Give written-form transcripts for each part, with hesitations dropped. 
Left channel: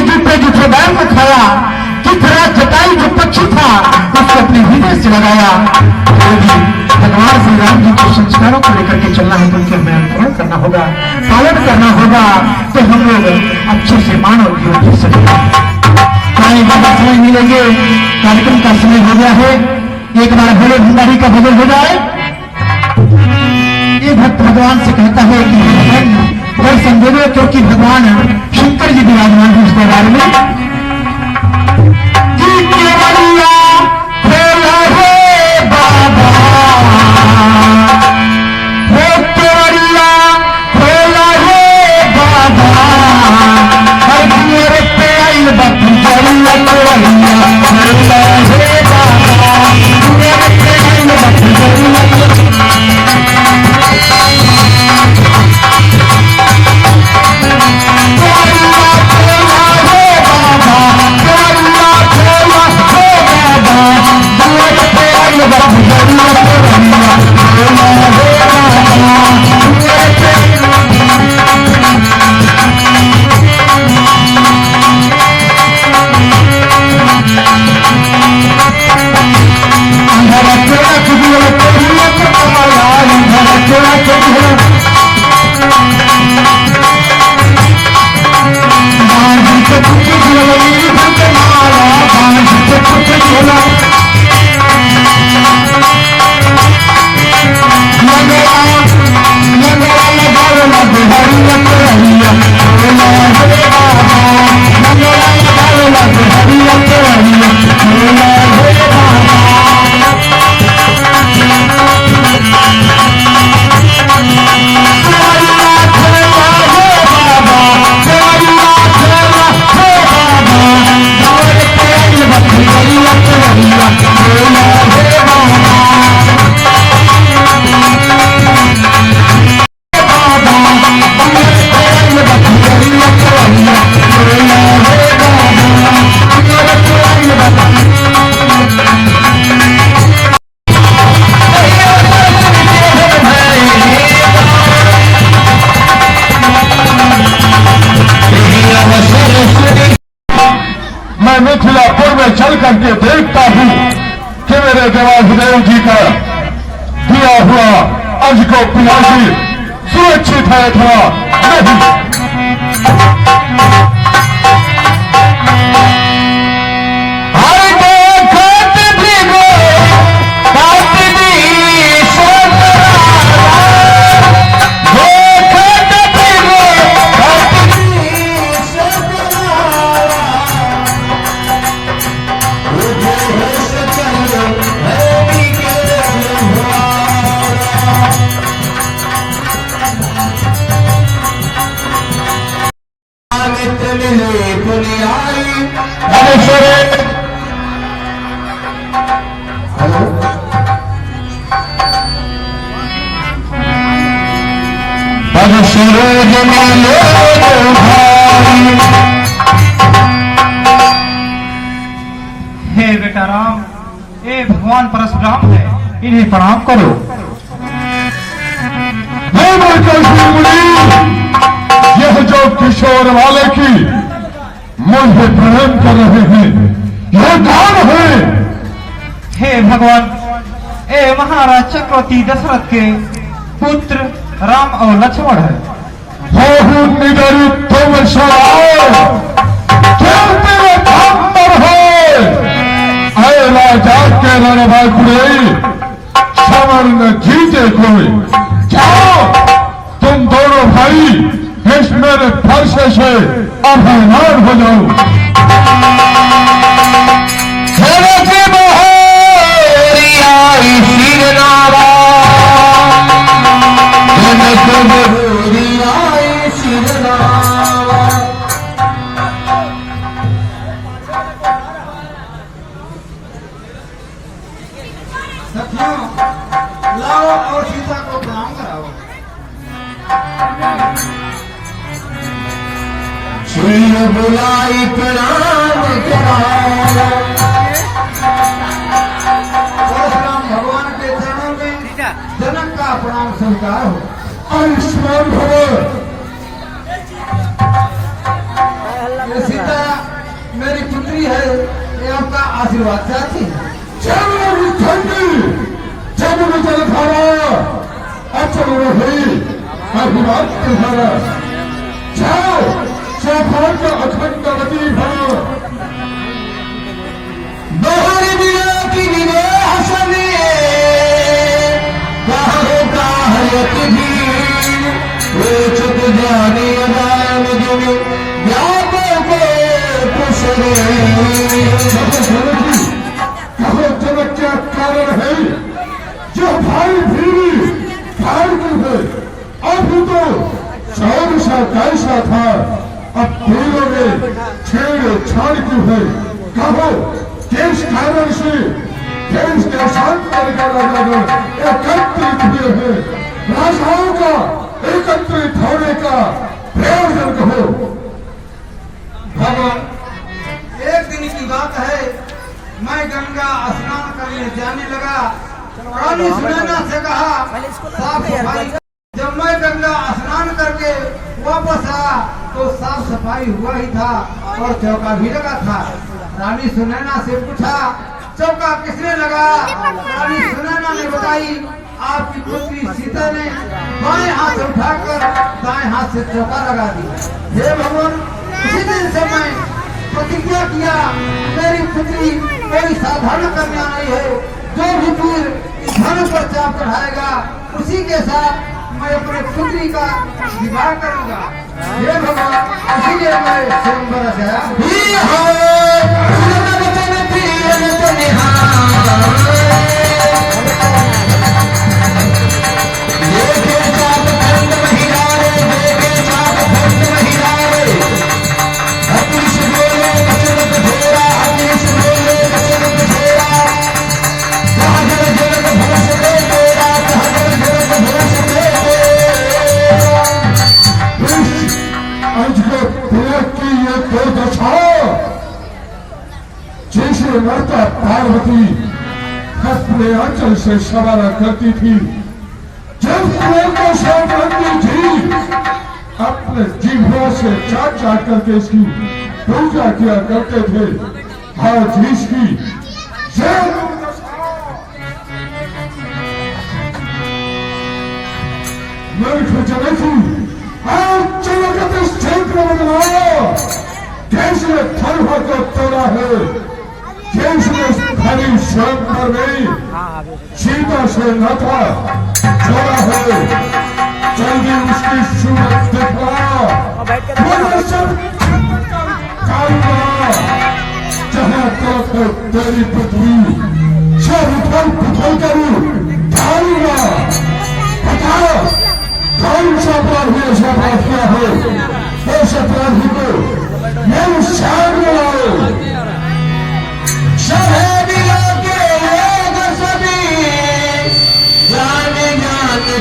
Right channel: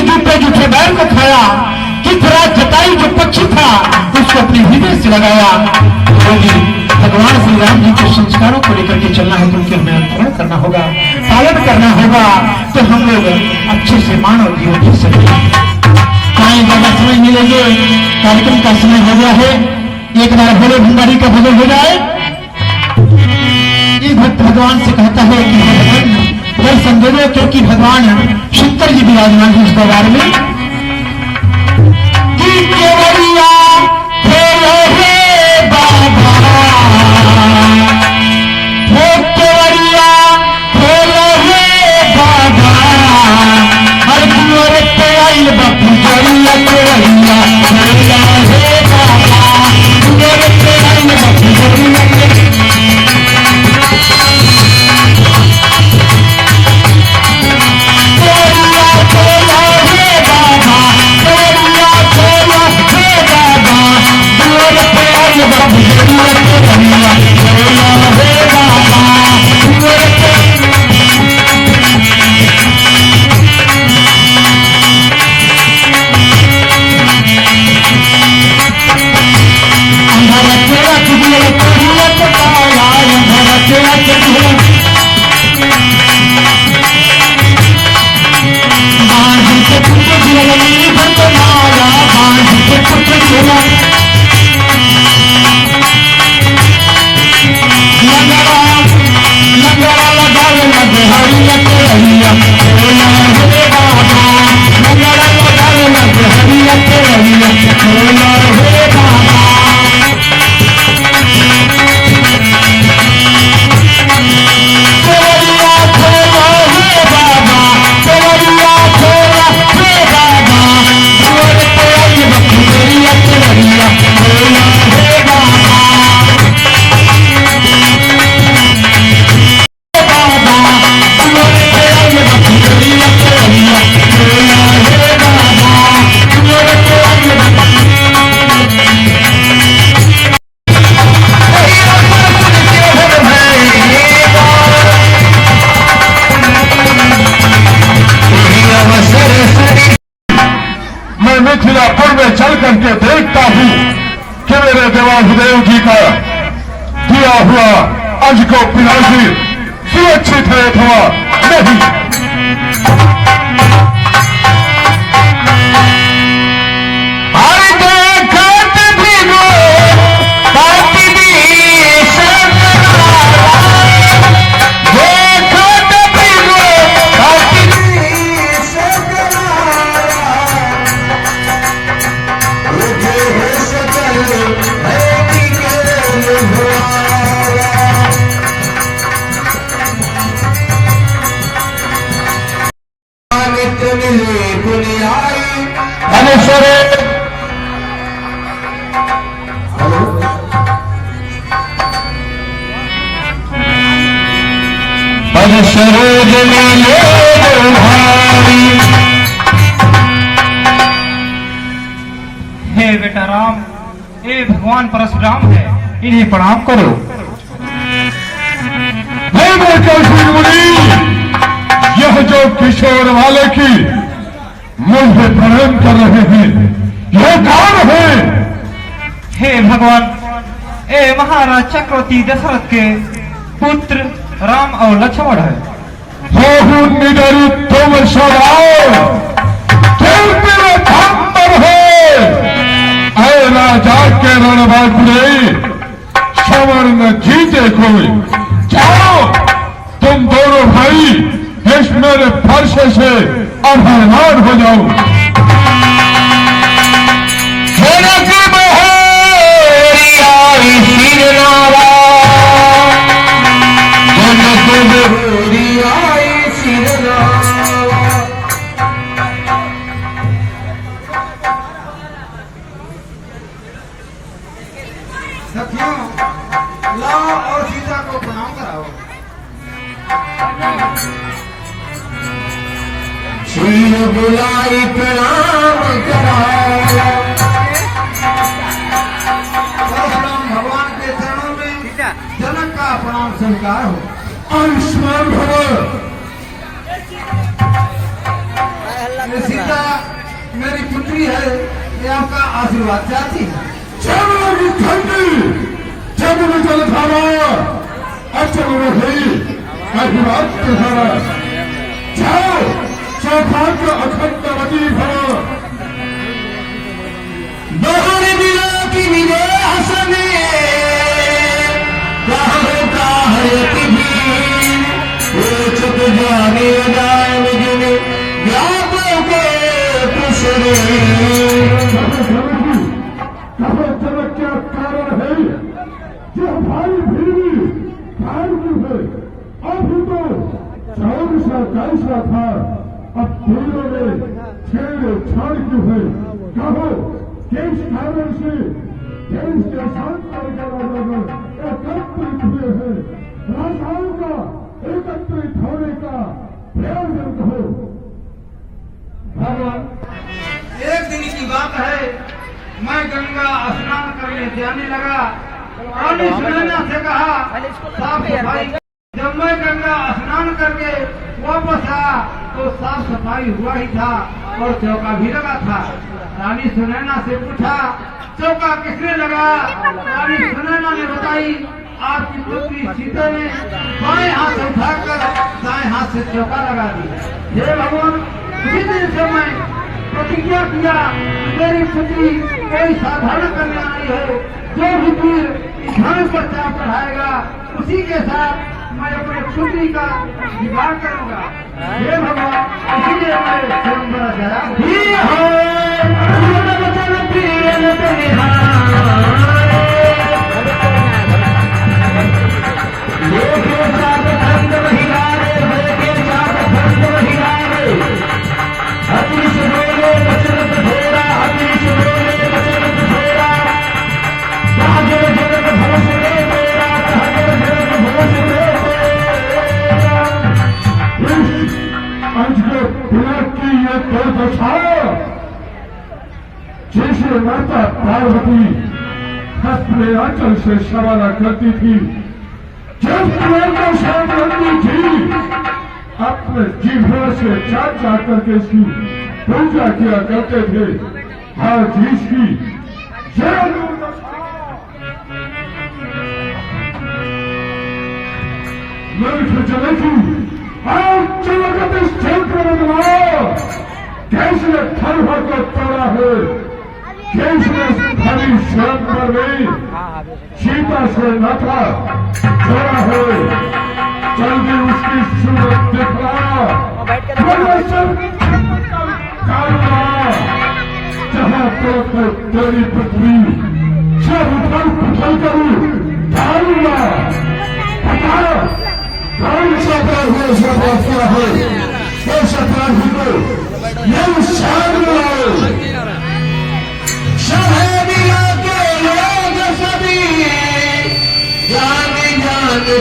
के जूते जूठे बैल को खाया, किस तरह जटाई जो पक्षी था उसको अपने हृदय से लगाया। यदि भगवान श्री राम जी के संस्कारों को लेकर के चलना है तो उनके हमें अनुकरण करना होगा, पालन करना होगा, तो हम लोग अच्छे से मानव जीवन जी सकते हैं। ज्यादा समय मिलेंगे, कार्यक्रम का समय हो गया है। एक बार भोले भंडारी का भजन हो जाए। ये भक्त भगवान से कहता है कि भगवान दर्शन देना, क्योंकि भगवान शंकर जी विराजमान है इस दरबार में। मिथिलापुर में चल करके देखता हूं कि मेरे देवाधिदेव जी का दिया हुआ अंश को पिनाशी सुरक्षित है अथवा नहीं। सरोज मिले भाई। हे बेटा राम, ये भगवान परशुराम है, इन्हें प्रणाम करो। यह जो किशोर वाले की मुझे प्रणाम कर रहे हैं, यह कौन है? हे भगवान, ये महाराज चक्रवर्ती दशरथ के पुत्र राम और लक्ष्मण है। तुम सलाओ, तुम तेरा नंबर है। अरे राजा के रणबांकुरे समर न जीते कोई। जाओ तुम दोनों भाई इस मेरे फर्श से अभयनाथ हो जाओ। लाओ और सीता को प्रणाम कराओ। क्षीर बुलाई प्रणाम कराओ। परशुराम भगवान के चरणों में जनक का प्रणाम स्वीकार हो। आयुष्मान भव। सीता पुत्री है ये आपका आशीर्वाद चाहती है। चलो ठंडी चलो जलधारा अचल रही अभिवाद तुम्हारा जाओ चौपाल का अखंडवती भव बहुर दिया की विदेश में काहयति भी वो चुप जाने राम जुन व्यापक कुशले कहो जनक क्या कारण है जो भाई भीड़ी भाई क्यों है अभी तो 14 कैसा था अब भीड़ों में छेड़ छाड़ क्यों है कहो किस कारण से देश के शांति एकत्रित हुए हैं राजाओं का एकत्रित होने का प्रयोजन कहो। भगवान एक दिन की बात है मैं गंगा स्नान करने जाने लगा। रानी सुनैना से कहा साफ सफाई। जब मैं गंगा स्नान करके वापस आया तो साफ सफाई हुआ ही था और चौका भी लगा था। रानी सुनैना से पूछा चौका किसने लगाया? रानी सुनैना ने बताई आपकी पुत्री सीता ने बाएं हाथ उठाकर दाएं हाथ से चौका लगा दिया। हे भगवान उसी दिन से मैं प्रतिज्ञा किया मेरी पुत्री मेरी साधारण कन्या नहीं है। जो भी तीर इस धन पर चाप चढ़ाएगा उसी के साथ मैं अपने पुत्री का विवाह करूंगा। हे भगवान इसीलिए मैं स्वयंवर आया। जैसे माता पार्वती अपने आंचल से सवारा करती थी जब को सावधानी थी अपने जिह्वा से चाट चाट करके इसकी पूजा किया करते थे। आज इसकी जनकी आज जगत इस क्षेत्र में बनाओ कैसे धर्म को तोड़ा है कैसे हरी स्वयंवर में सीता से नाथा जोड़ा है। जल्दी उसकी सूरत दिखला मगर सब जहाँ तरफ है तेरी पृथ्वी सब उथल पुथल करूं डालूंगा। बता कौन सा अपराध है क्या है उस अपराधी को ये सामने लाओ।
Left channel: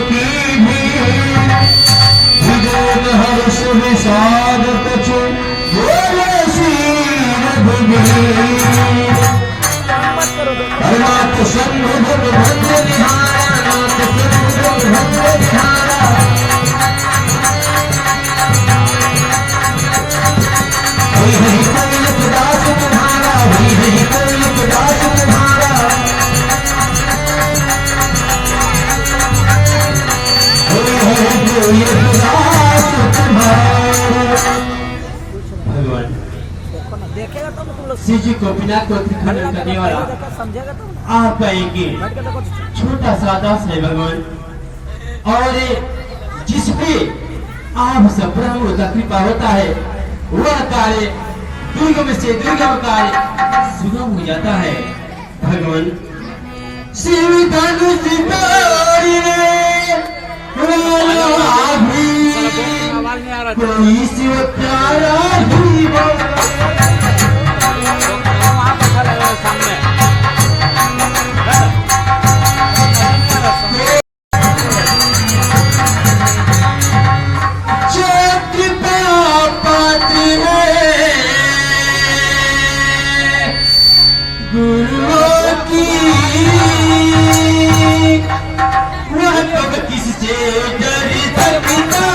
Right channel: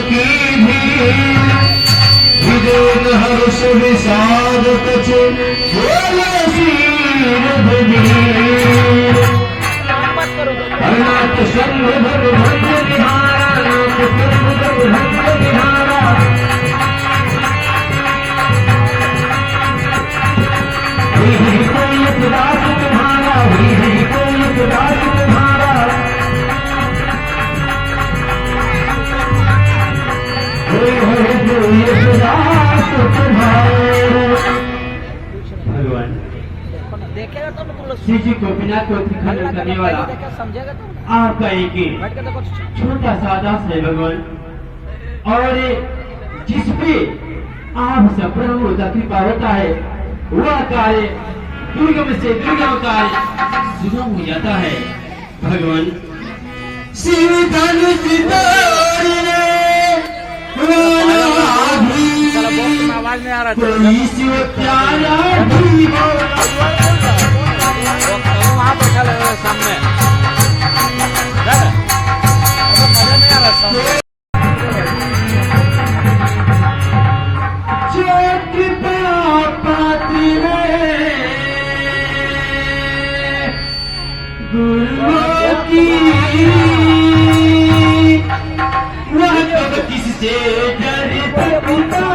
की भी हर्ष विषाद कुछ नाथ संग भंग बिहारा नाथ भंग बिहारा कोई दास तुम्हारा कोई दास तुम्हारा भगवान श्री जी गोपीनाथ को खनन करने वाला आपका एक छोटा सा दास है भगवान और जिस पे आप सब ब्रह्म का कृपा होता है वह कार्य दुर्गम से दुर्गम कार्य सुगम हो जाता है। भगवान शिव धनुष कोई शिव प्यारा ही गुरु की वह कब किससे डर सकता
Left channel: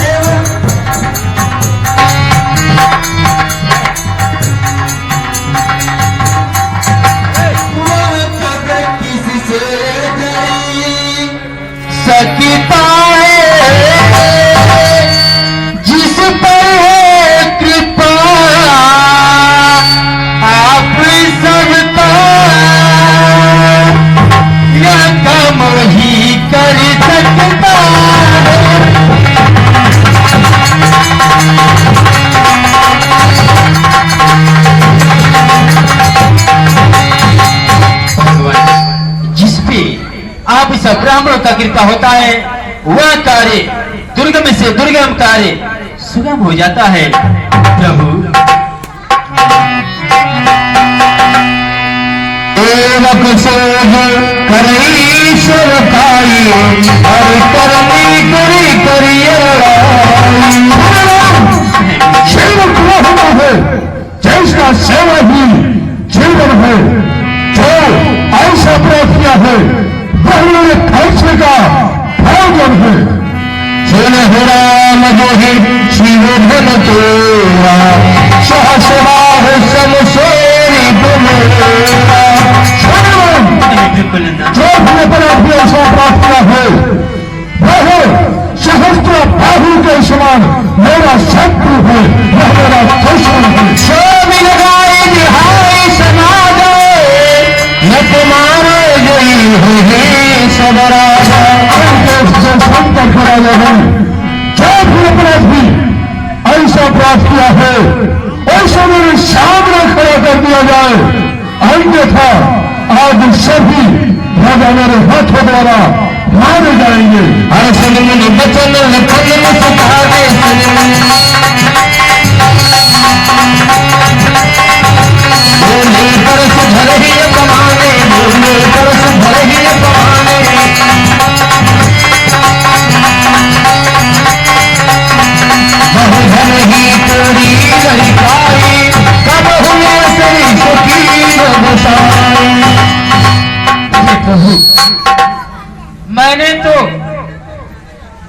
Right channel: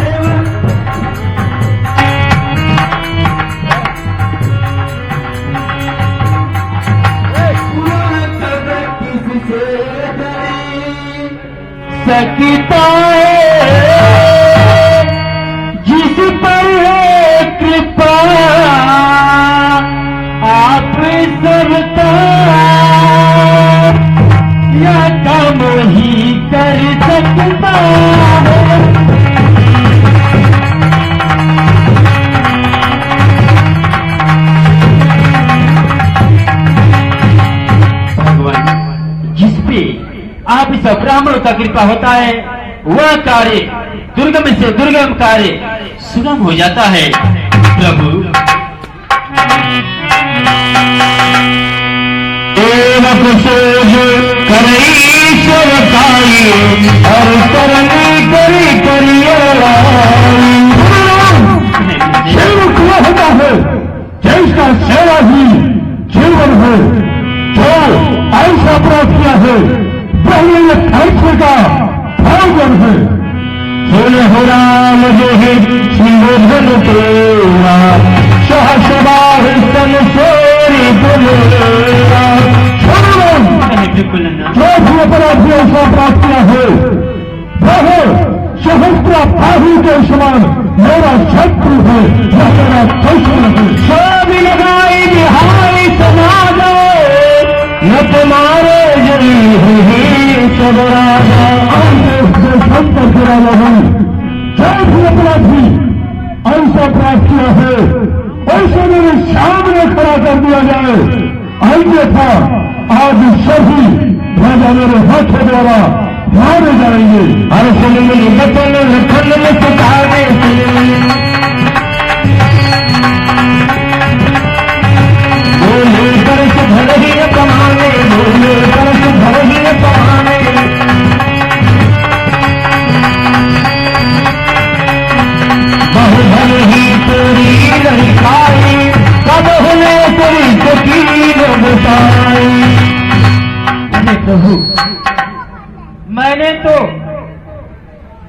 है। ब्राह्मणों का कृपा होता है वह कार्य दुर्गम से दुर्गम कार्य सुगम हो जाता है। प्रभु जैसा सेवा ही जीवन है, जो ऐसा अपराध किया है वही फैसले का भोजन है। राम जो है शिवधन तेरा सहसवार समसोरी तुम्हेरा। जो भी अपराधी ऐसा अपराध किया है वह सहस्त्र बाहु के समान मेरा शत्रु है, वह मेरा दुश्मन है। स्वामी लगाए बिहारी समाज न तुम्हारे गई है सब राजा। संपर्क कराने हैं जो भी अपराधी ऐसा अपराध किया है ऐसे मेरे सामने खड़ा कर दिया जाए, अन्यथा आज सभी राजा मेरे हाथों द्वारा मारे जाएंगे। हर सुन बचन लखन में सुखावे बोले परस भर ही कमाने, बोले परस भर ही कमाने। बहुधन ही पूरी नहीं पाई, कब हुए तेरी शकील बसाई। मैंने तो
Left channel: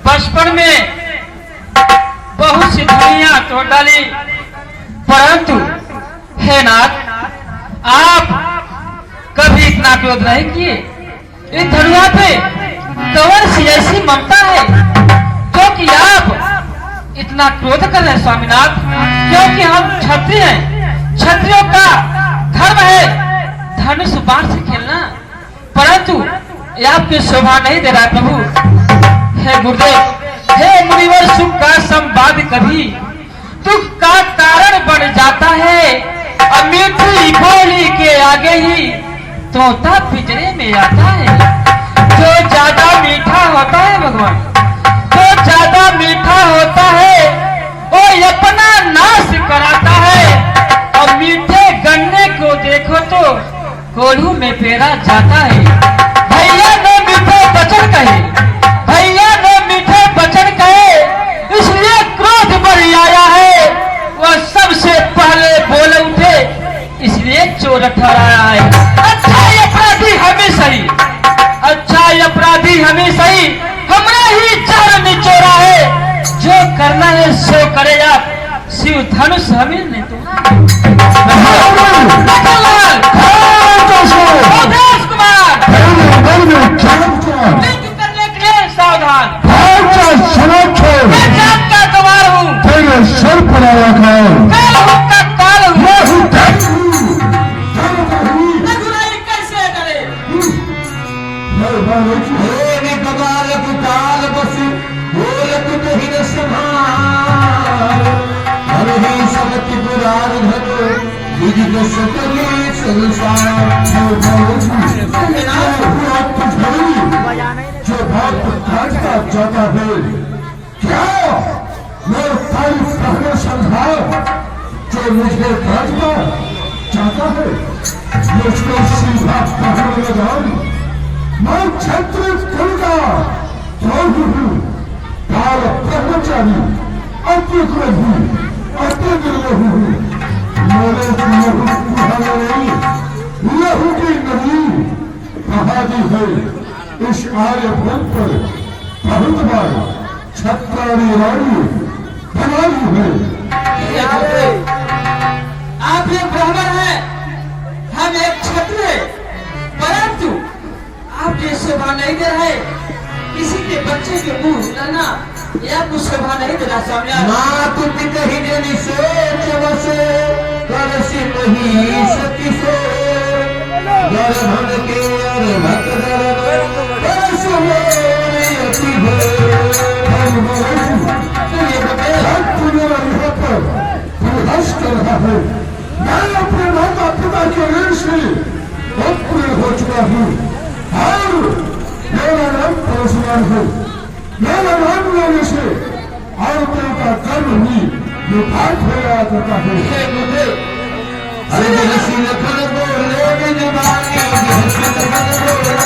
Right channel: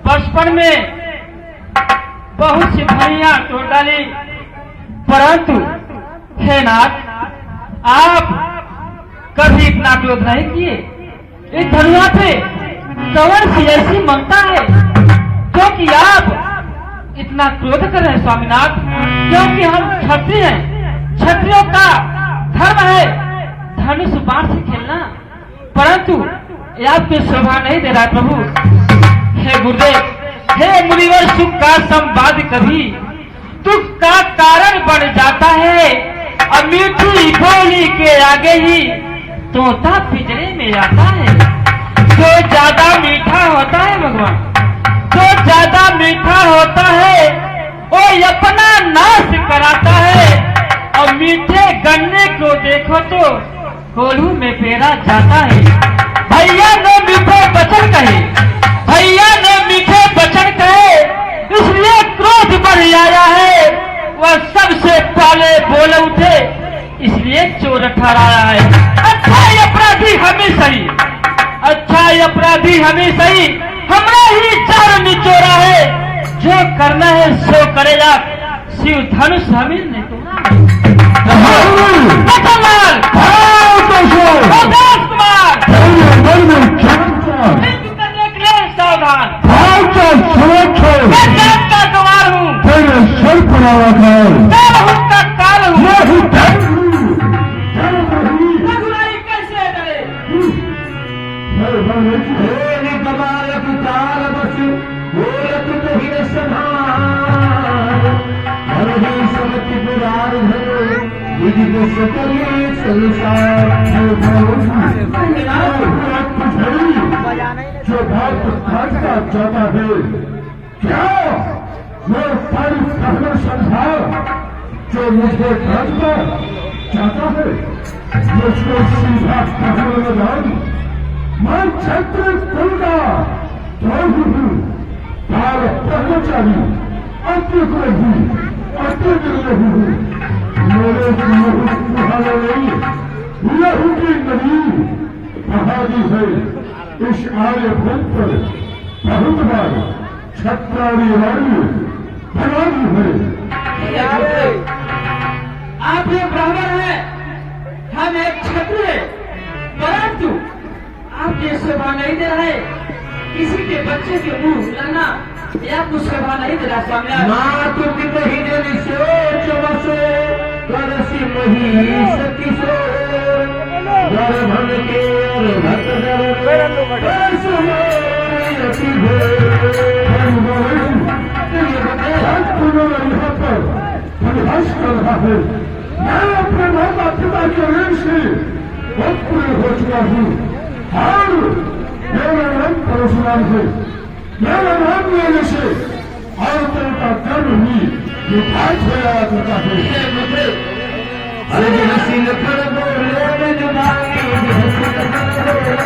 बचपन में बहुत सी धनिया तोड़ डाली, परंतु हे नाथ आप कभी इतना क्रोध नहीं किए। इस धनिया पे कौन सी ऐसी ममता है जो कि आप इतना क्रोध कर रहे हैं स्वामीनाथ? क्योंकि हम क्षत्रिय हैं, क्षत्रियों का धर्म है धनुष बाण से खेलना, परंतु ये आपकी शोभा नहीं दे रहा प्रभु। हे गुरुदेव, हे मुनिवर, सुख का संवाद कभी दुख का कारण बन जाता है, और मीठी बोली के आगे ही तोता पिंजरे में आता है। जो ज्यादा मीठा होता है भगवान, जो ज्यादा मीठा होता है वो अपना नाश कराता है, और मीठे गन्ने को देखो तो कोल्हू में पेरा जाता है। भैया ने मीठे वचन कहे, भैया ने मीठे वचन कहे, इसलिए क्रोध बढ़ आया है। वह सबसे पहले बोल उठे, इसलिए चोर ठहराया है। अच्छा ये अपराधी हमें सही, अच्छा ये अपराधी हमें सही, हमरा ही जहर निचोड़ा है। जो करना है सो करेगा, शिव धनुष हमें नहीं तोड़ा। सावधान, मैं जान का गवार हूँ, तेरे सर पर काल हूँ का काल हूँ। रघुराई कैसे डरे? काल बस बोलत नहीं न संभाल, हरि समति पुराण धरो विदित सकले संसार। जो भक्त काटता जाता है क्या मैं तारीफ कहना संभाल, जो मुझे काटता जाता है मुझको सीधा पकड़ लगाऊं। मैं क्षत्रिय कुल का द्रोही हूँ, काल ब्रह्मचारी, अतिक्रमी, अतिद्रोही हूँ। मेरे लहू कुहाना नहीं, लहू की नदी बहादी है इस आर्यभूत पर बहुत बार छत्राणी रानी बनाई है। आप एक ब्राह्मण हैं, हम एक क्षत्रिय, परंतु आप ये शोभा नहीं दे रहे। किसी के बच्चे के मुंह लगना ये आपको शोभा नहीं दे रहा स्वामी। ना तुम कहीं देनी सोच बसे करसी मही सती से भन के भक्त कर रहा है। मैं अपने माता पिता के ऋण से उत्पन्न हो चुका हूँ और मेरा नाम परशुराम है। मेरा नाम लेने से औरतों का कर्म भी निर्धारित हो जाया करता है। अरे हसीन फल बोले जवानी, हसीन फल बोले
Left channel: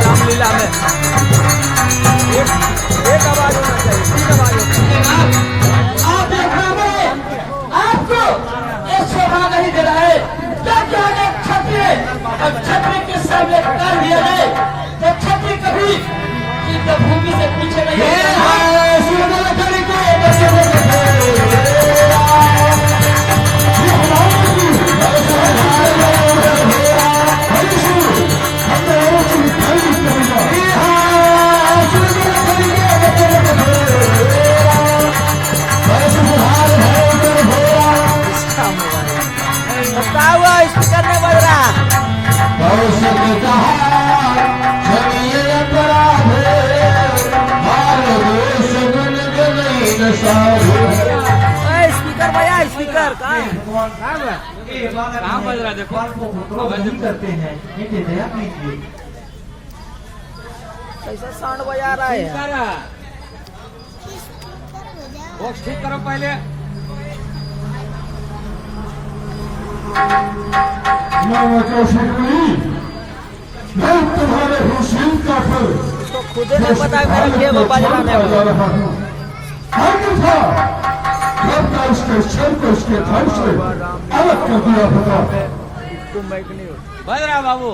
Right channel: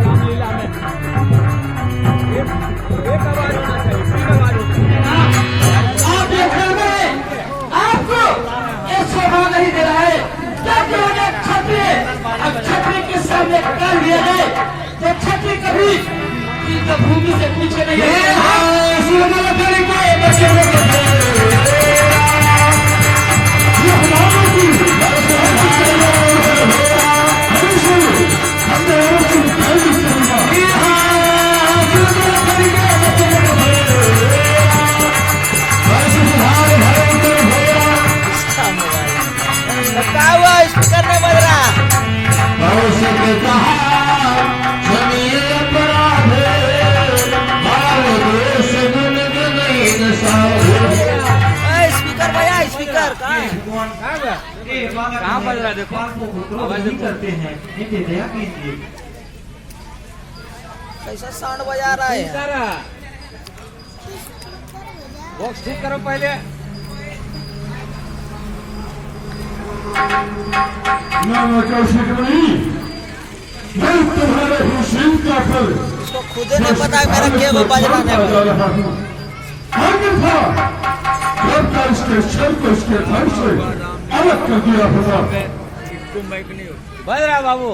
रामलीला में एक आवाज होना चाहिए, तीन आवाज होना चाहिए। आप देख रहे हैं, आपको ये शोभा नहीं दे रहा है। क्या क्या क्षत्रिय अब क्षत्रिय के सामने कर लिया जाए तो क्षत्रिय कभी भूमि से पूछे नहीं। स्पीकर भैया, स्पीकर भगवान ये बालक को क्रोध नहीं करते हैं, इनके दया कीजिए। कैसा साउंड बजा रहा है? बॉक्स ठीक करो पहले। मैं तुम्हारे हुसैन का फल इसको खुद नहीं पता कर के वो बजवाने में जब का इसके क्षण को इसके धन से अलग कर दिया होगा। इसको माइक नहीं हो बज रहा बाबू।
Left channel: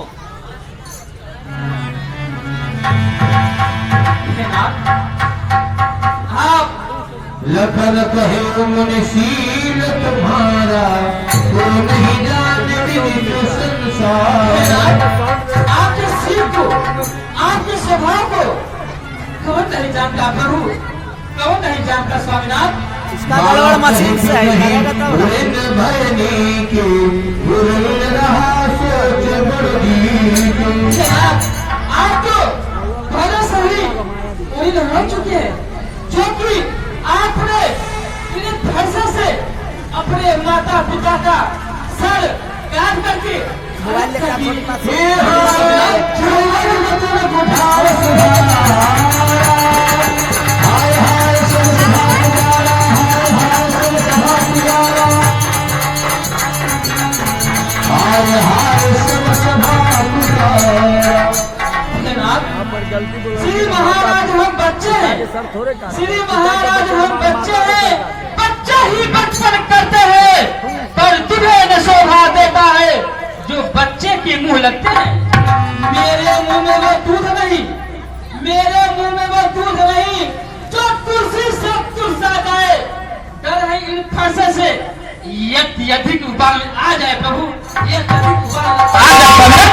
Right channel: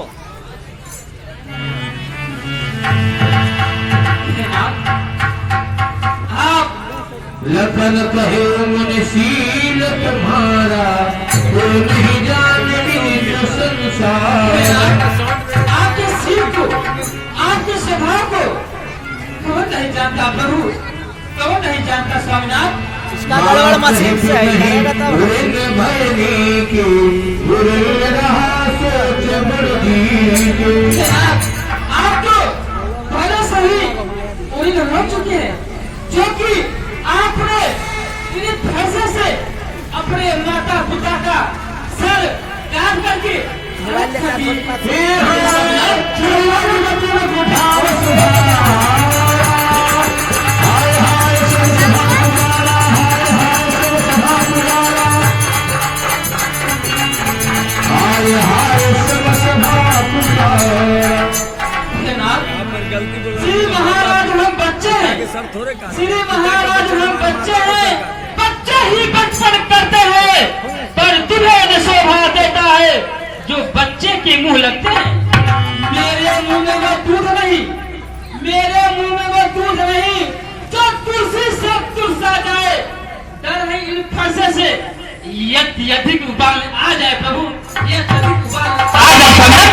लखन कहे मनशील तुम्हारा, कोई नहीं जानती संसार। आपके सिर को, आपके स्वभाव को कौन नहीं जानता प्रभु, कौन नहीं जानता स्वामीनाथ। इसका बड़ा मशीन से है। भरने के रहा सोच बड़ी। आप तो पहले से ही उड़ी हो चुके हैं, जो कि आपने इन्हें फैसले से अपने माता पिता का सर काट करके गलती बोल श्री महाराज हम बच्चे हैं, सब थोड़े का श्री महाराज हम बच्चे हैं, बच्चे ही बचपन करते हैं, पर तुम्हें न शोभा देता है जो बच्चे के मुंह लगते हैं। मेरे मुंह में वो दूध नहीं, मेरे मुंह में वो दूध नहीं जो तुलसी से तुलसा जाए। डर है इन फरसे से यदि उबाल आ जाए प्रभु, यदि उबाल आ जाए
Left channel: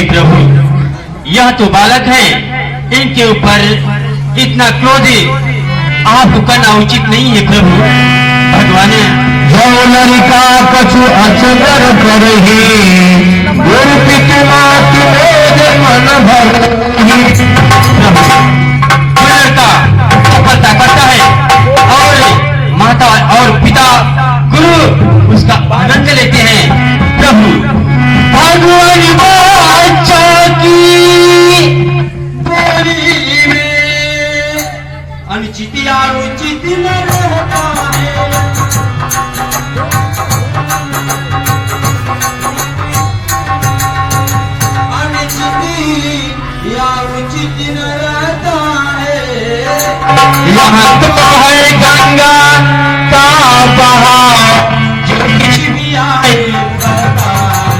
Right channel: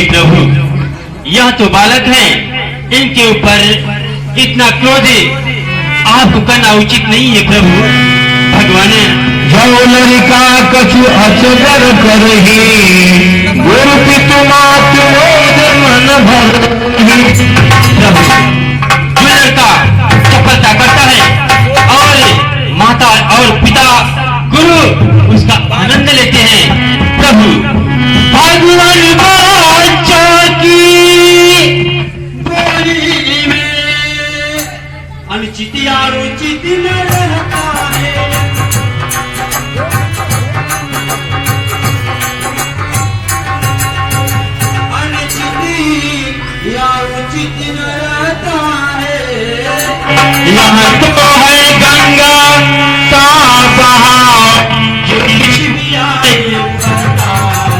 हे प्रभु, यह तो बालक है, इनके ऊपर इतना क्रोध आपको करना उचित नहीं है प्रभु। भगवान जो लड़का कछु अचगर करही, गुरु पितु मातु मन भरही। प्रभु, जो लड़का सफलता करता है और माता और पिता गुरु उसका आनंद लेते हैं प्रभु, भगवान बाचा की बोली में अनुचित या रुचित न रहता है। अनुचित या रुचित न रहता है। यहाँ तो है गंगा का बहाव, जो कुछ भी आए करता है।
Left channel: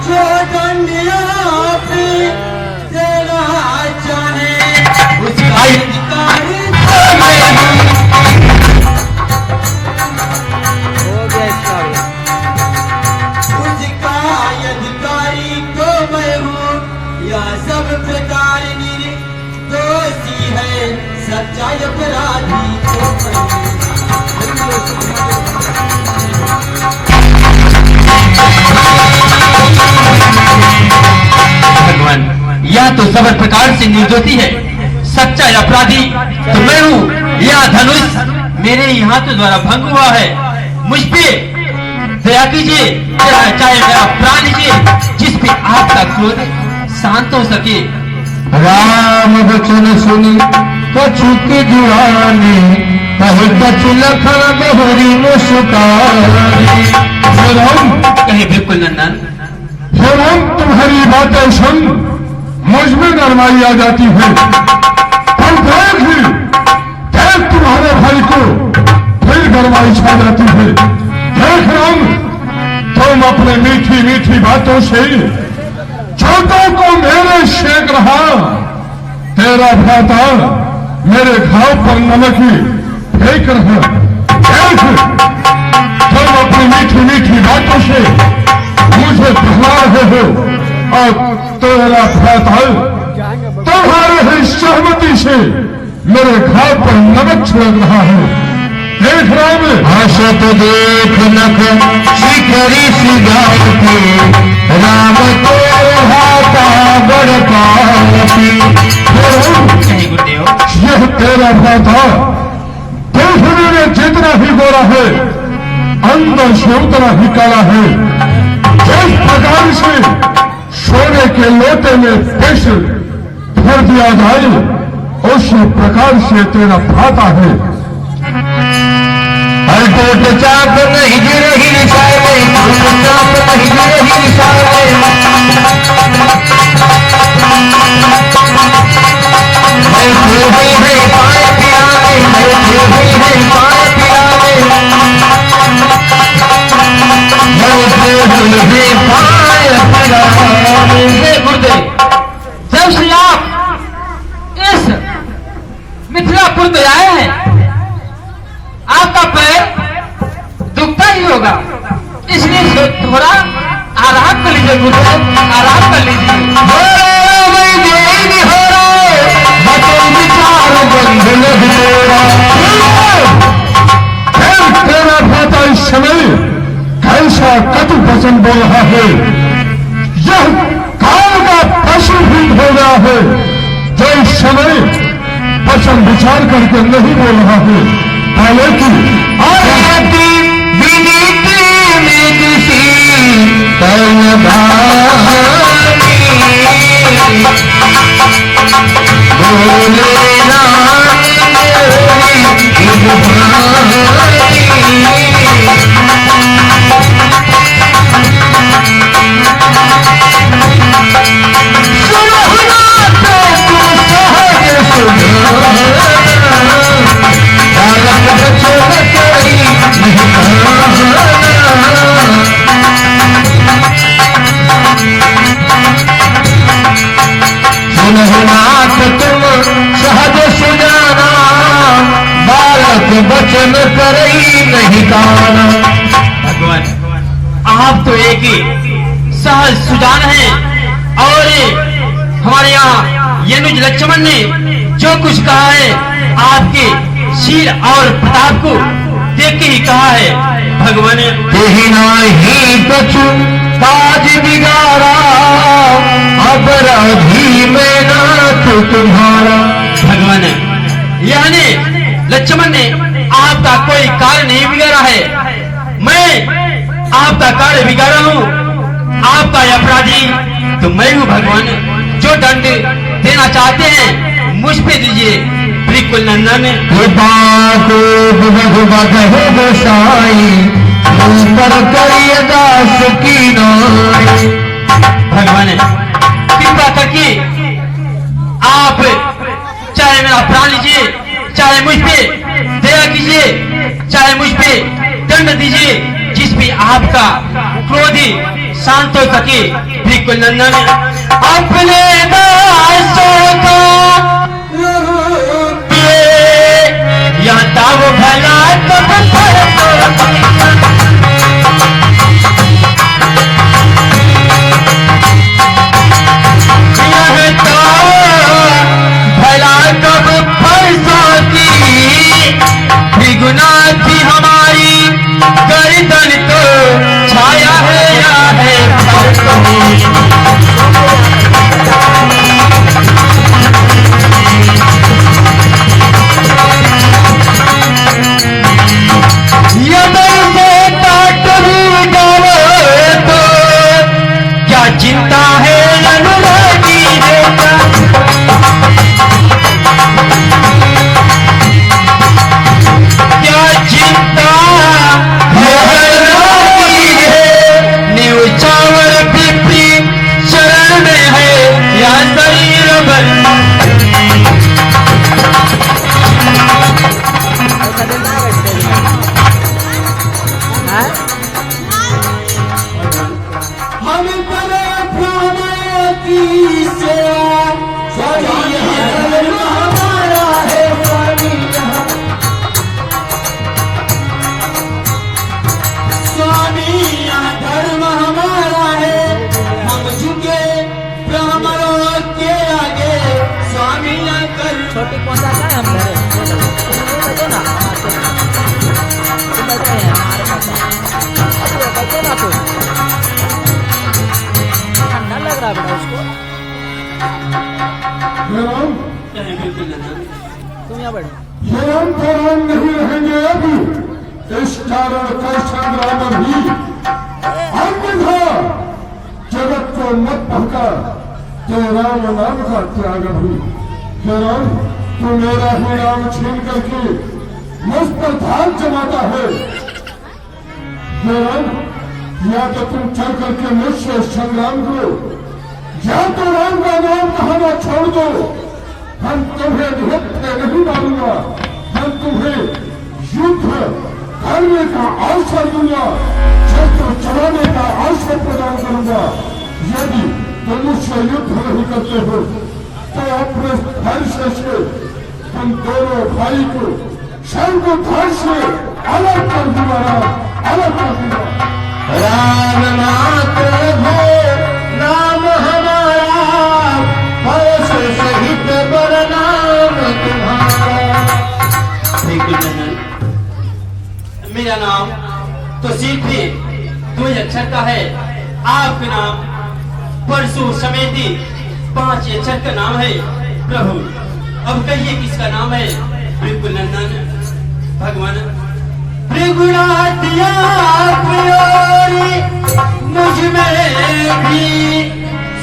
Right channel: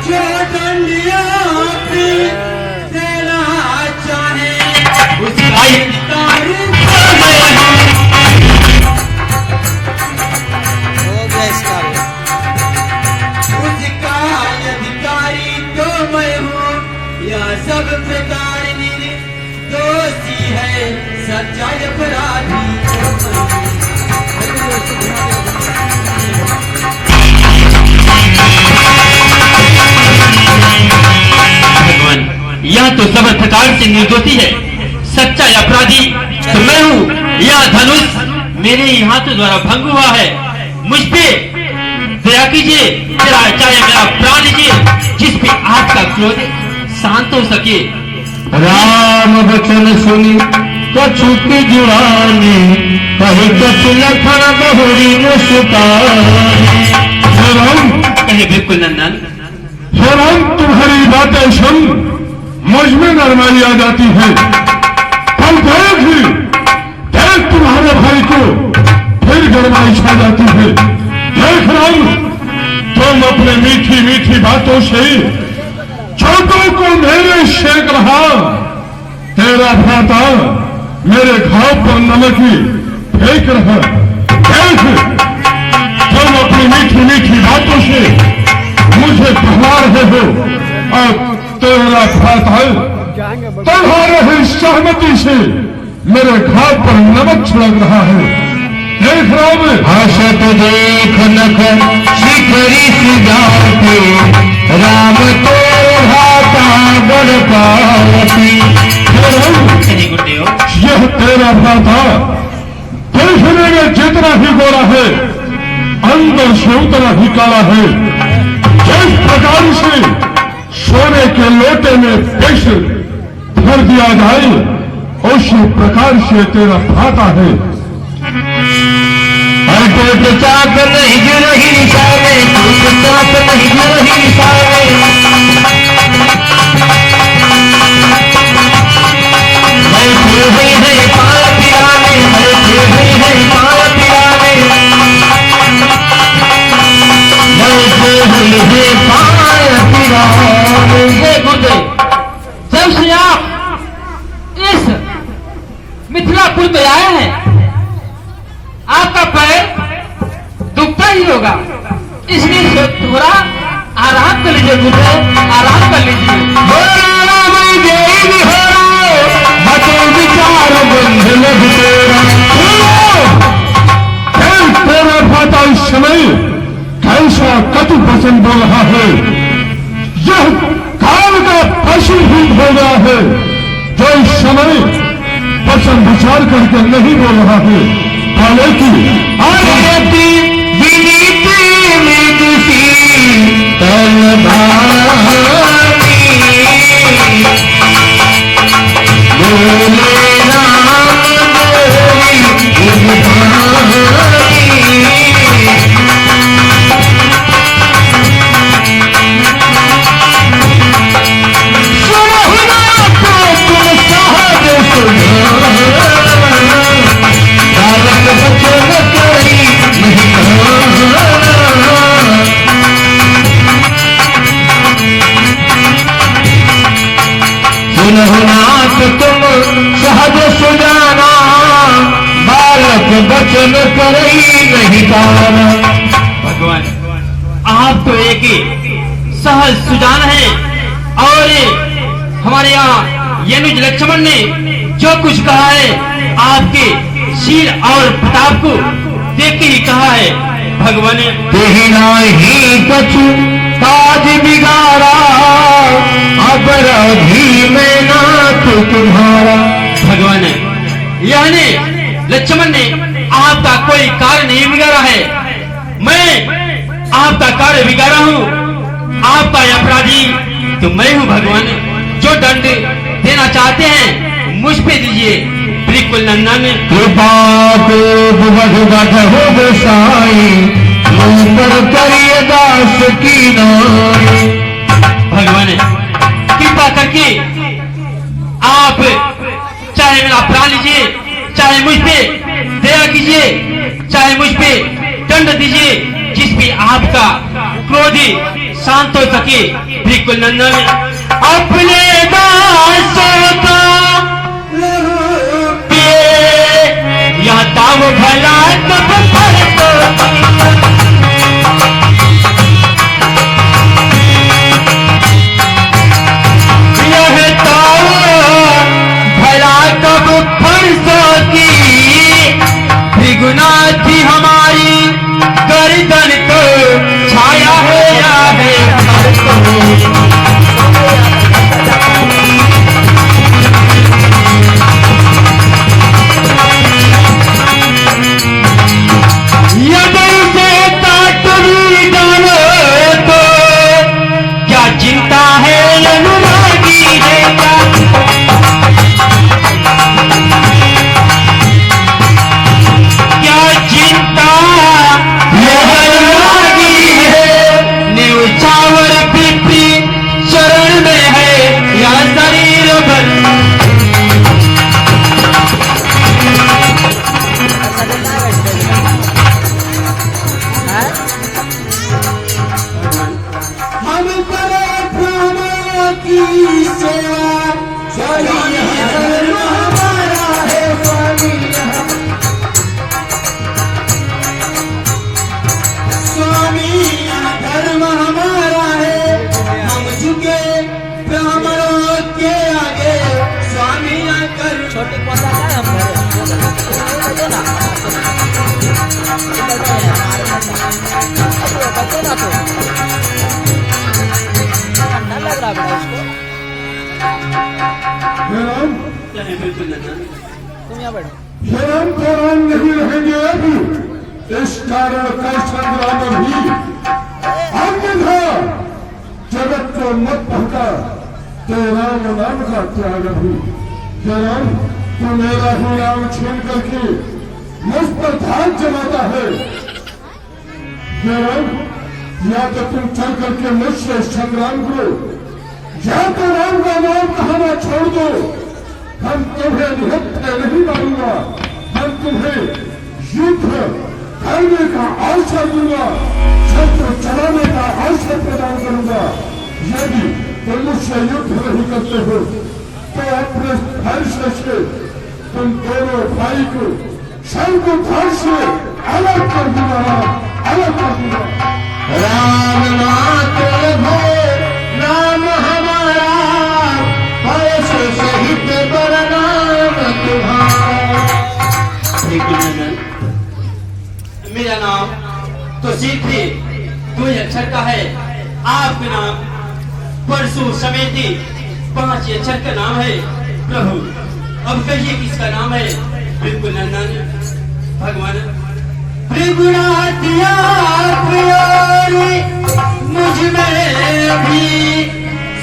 जो डंडिया पे देना चाहे उसका अधिकारी हो गया इसका भी। उसका अधिकारी तो मैं हूँ, यह सब प्रकार दोषी है, सच्चा अपराधी तो भगवान, यह तो सब प्रकार से निर्दोषी है, सच्चा अपराधी तो मैं हूँ। यह धनुष मेरे ही हाथों द्वारा भंग हुआ है, मुझ पे दया कीजिए, चाहे मेरा प्राण लीजिए, जिस पे आपका क्रोध शांत हो सके। राम वचन सुनी कछु की जुड़ानी, कहे कछु लखन बहुरी मुस्कानी। हे राम, कहे बिल्कुल नंदन, हे राम, तुम्हारी बातें सुन मुझ में नरमाई आ जाती है। पर देख तुम्हारे भाई को फिर गरमाई छा जाती है। देख राम, तुम अपने मीठी मीठी बातों से छोटों को मेरे शेक रहा, तेरा भ्राता मेरे घाव पर नमक फेंक रहा। देख, तुम अपनी मीठी मीठी बातों से मुझे भुला रहे हो और तेरा भ्राता तुम्हारे ही सहमति से मेरे घाव पर नमक छिड़क रहा है। देख राम, हसत देख नख शिखरी सिगाती, राम तो हाथा बड़ पापी। कहे गुरुदेव, यह तेरा भ्राता देखने में जितना ही गोरा है, अंदर से उतना ही काला है। जिस प्रकार से सोने के लोटे में विष भर दिया जाए, उसी प्रकार से तेरा भ्राता है। चाप नहीं जुरही सारे, चाप नहीं जुरही सारे, बैठे हुए हैं पाए पिरावे, बैठे हुए हैं पाए पिरावे, बैठे हुए हैं पाए पिरावे। हे गुरुदेव, जब से आप इस मिथिलापुर में आए हैं, आपका पैर दुखता ही होगा, इसलिए थोड़ा आराम कर लीजिए गुरुदेव, आराम कर लीजिए। तेरा भाता इस समय कैसा कटु वचन बोल रहा है। यह काल का पशु ही हो गया है, जो इस समय वचन विचार करके नहीं बोल रहा है। हालांकि आरती विनीति नीति बोले राम सुनो करई नहीं काना। भगवान, आप तो एक ही सहज सुजान है, और हमारे यहाँ यनुज लक्ष्मण ने जो कुछ कहा है आपके शील और प्रताप को देख के ही कहा है। भगवान, देना ही कछु ताज बिगाड़ा, अपराधी में नाथ तुम्हारा। भगवान, यानी लक्ष्मण ने आपका कोई कार्य नहीं बिगाड़ा है, मैं आपका कार्य बिगाड़ा हूँ। आपका अपराधी तो मैं हूँ। भगवान, जो दंड देना चाहते हैं मुझ पे दीजिए। बिल्कुल नंदन, कृपा को हो गोसाई, मुझ पर करिए दास की नाई। भगवान, कृपा करके आप चाहे मेरा प्राण लीजिए, चाहे मुझ पे दया कीजिए, चाहे मुझ पे दंड दीजिए, जिस पे आपका क्रोधी शांत हो सके। बिल्कुल नंदन, अपने दासों का या ताव भला कब यह ताव भला कब फंस की, द्विगुना थी हमारी गर्दन को छाया है या है चिंता है अनुरागी देता। क्या चिंता अनुरागी है, न्यौछावर पिपरी शरण में है या शरीर बल। छोटी पोसा है तुम यहाँ बैठो। हम तो नहीं रहेंगे अभी, इस कारण का संग्राम भी अन्यथा जगत को मत भटका, तो राम नाम का त्याग भी। राम, तू मेरा ही नाम छीन करके मुझ पर ध्यान जमाता है। राम, या तो तुम चल करके मुझसे संग्राम करो, या तो राम का नाम कहना छोड़ दो। हम तुम्हें निहत्थे नहीं मारूंगा, हम तुम्हें युद्ध करने का अवसर दूंगा, छत्र चलाने का अवसर प्रदान करूंगा। यदि तुम मुझसे युद्ध नहीं करते हो तो अपने फैसले से तुम दोनों भाई को सर्वधार से अलग कर दूंगा, अलग कर दूंगा। राम नाथ हो नाम हमारा, सहित बरनाम तुम्हारा। मेरा नाम तो सिर्फ ही 2 अक्षर का है, आपका नाम परशु समेती 5 अक्षर का नाम है। प्रभु, अब कहिए किसका नाम है? बिल्कुल नंदन। भगवान, त्रिगुणात्या प्रियोरी मुझ में भी,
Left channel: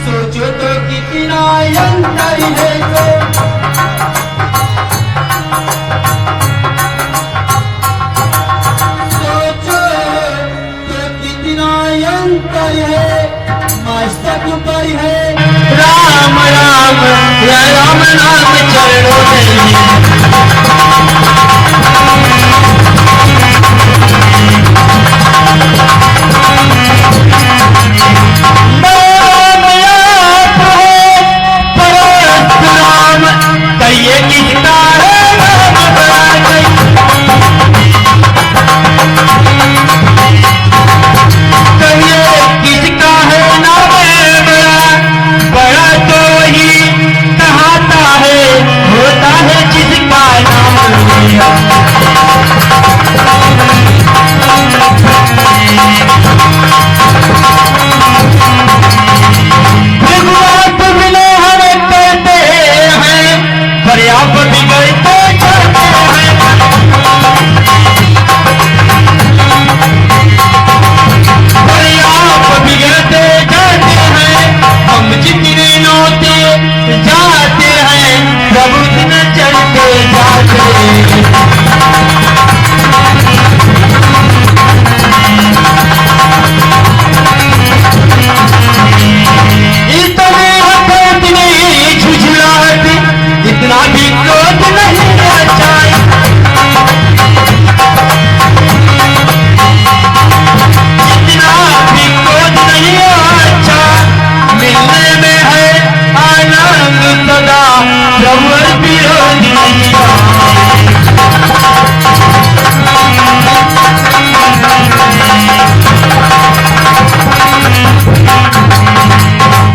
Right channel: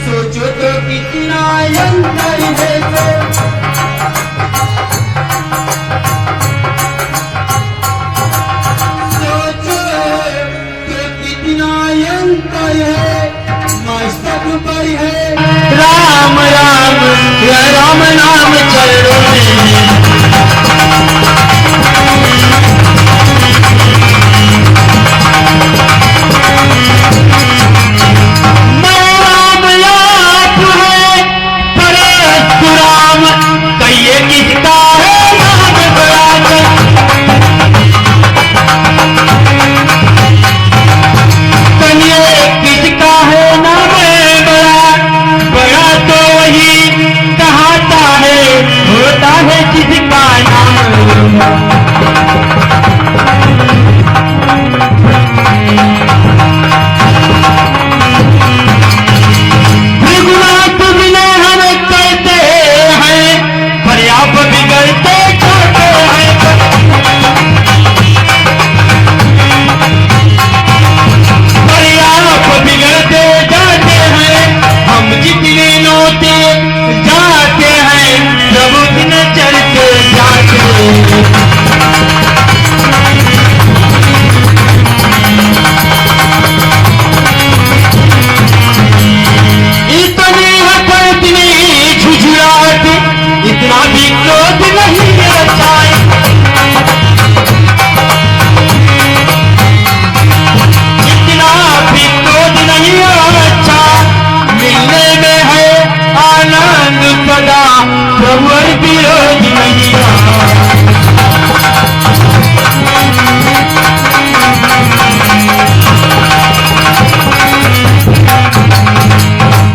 सोचो तो कितना अंतर है तो। सोचो तो कितना अंतर है, मस्तक पर है राम राम, या राम नाम चलो कहिए किसका है नाम बड़ा। इतनी इतनी झुझलाहट इतना भी क्रोध नहीं रचाए, इतना भी क्रोध नहीं अच्छा, मिलने में है आनंद सदा, प्रभु विरोध नहीं।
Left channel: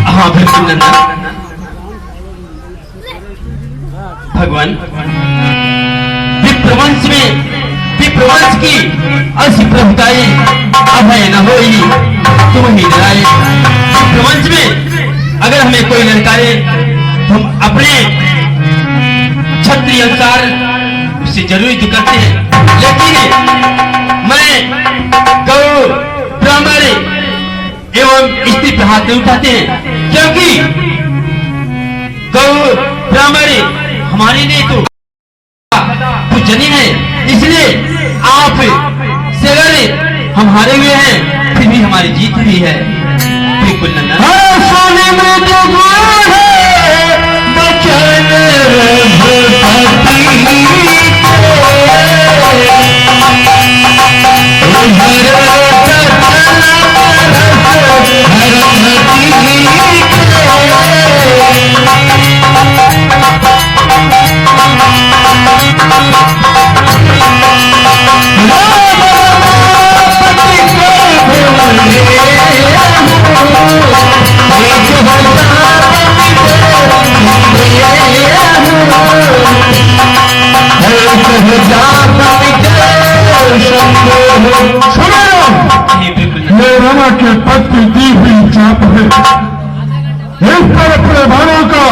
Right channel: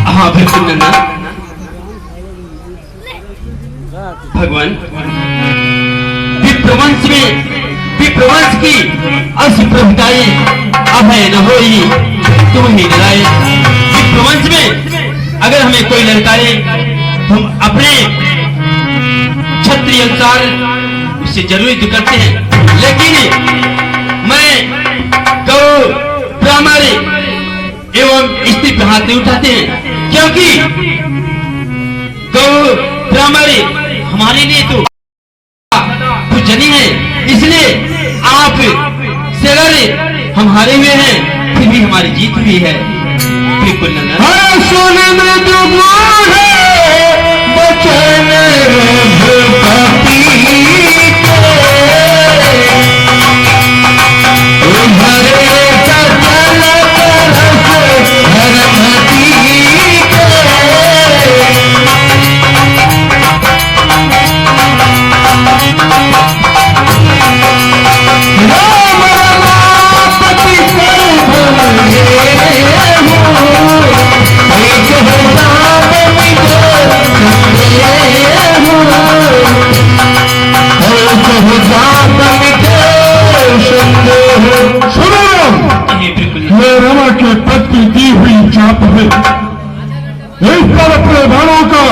हाँ बिल्कुल नन्ना, भगवान विप्रवंश की असुप्रभुताई अभय न होई, तुम ही डराए। विप्रवंश में अगर हमें कोई ललकारे तो हम अपने क्षत्रिय अनुसार उससे जरूर युद्ध करते हैं, लेकिन मैं गौ ब्राह्मण एवं स्त्री पे हाथ नहीं उठाते हैं, क्योंकि गौ ब्राह्मण हमारे लिए तो पूजनीय है। इसलिए आप से अगर हम हारे हुए हैं फिर भी हमारी जीत हुई है। बिल्कुल नंदन, सोने में डूबा है बचन भूपति को, ये रमा के पद की दी हुई चाप है, इस पर अपने बाणों का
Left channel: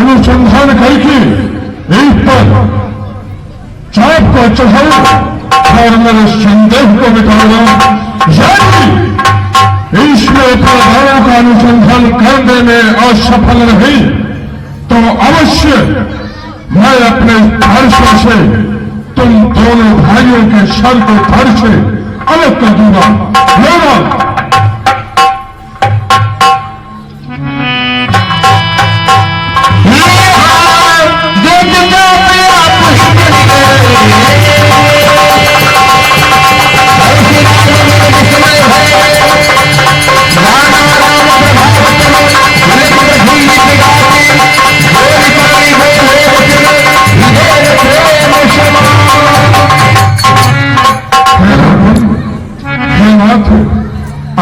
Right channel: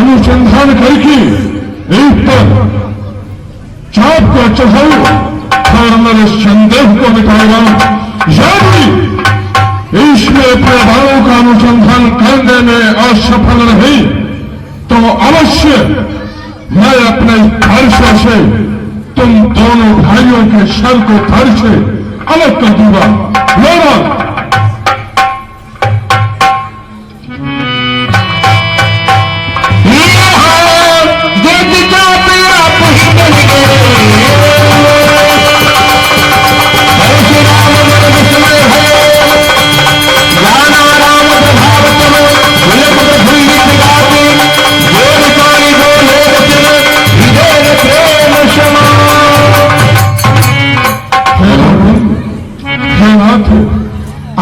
अनुसंधान करके इस पर चाप को चढ़ाओ और मेरे संदेह को मिटाओ। यदि इसमें अपने बाणों का अनुसंधान करने में असफल रही तो अवश्य मैं अपने फर्शों से तुम दोनों भाइयों के सर को धड़ से अलग कर दूंगा। लेना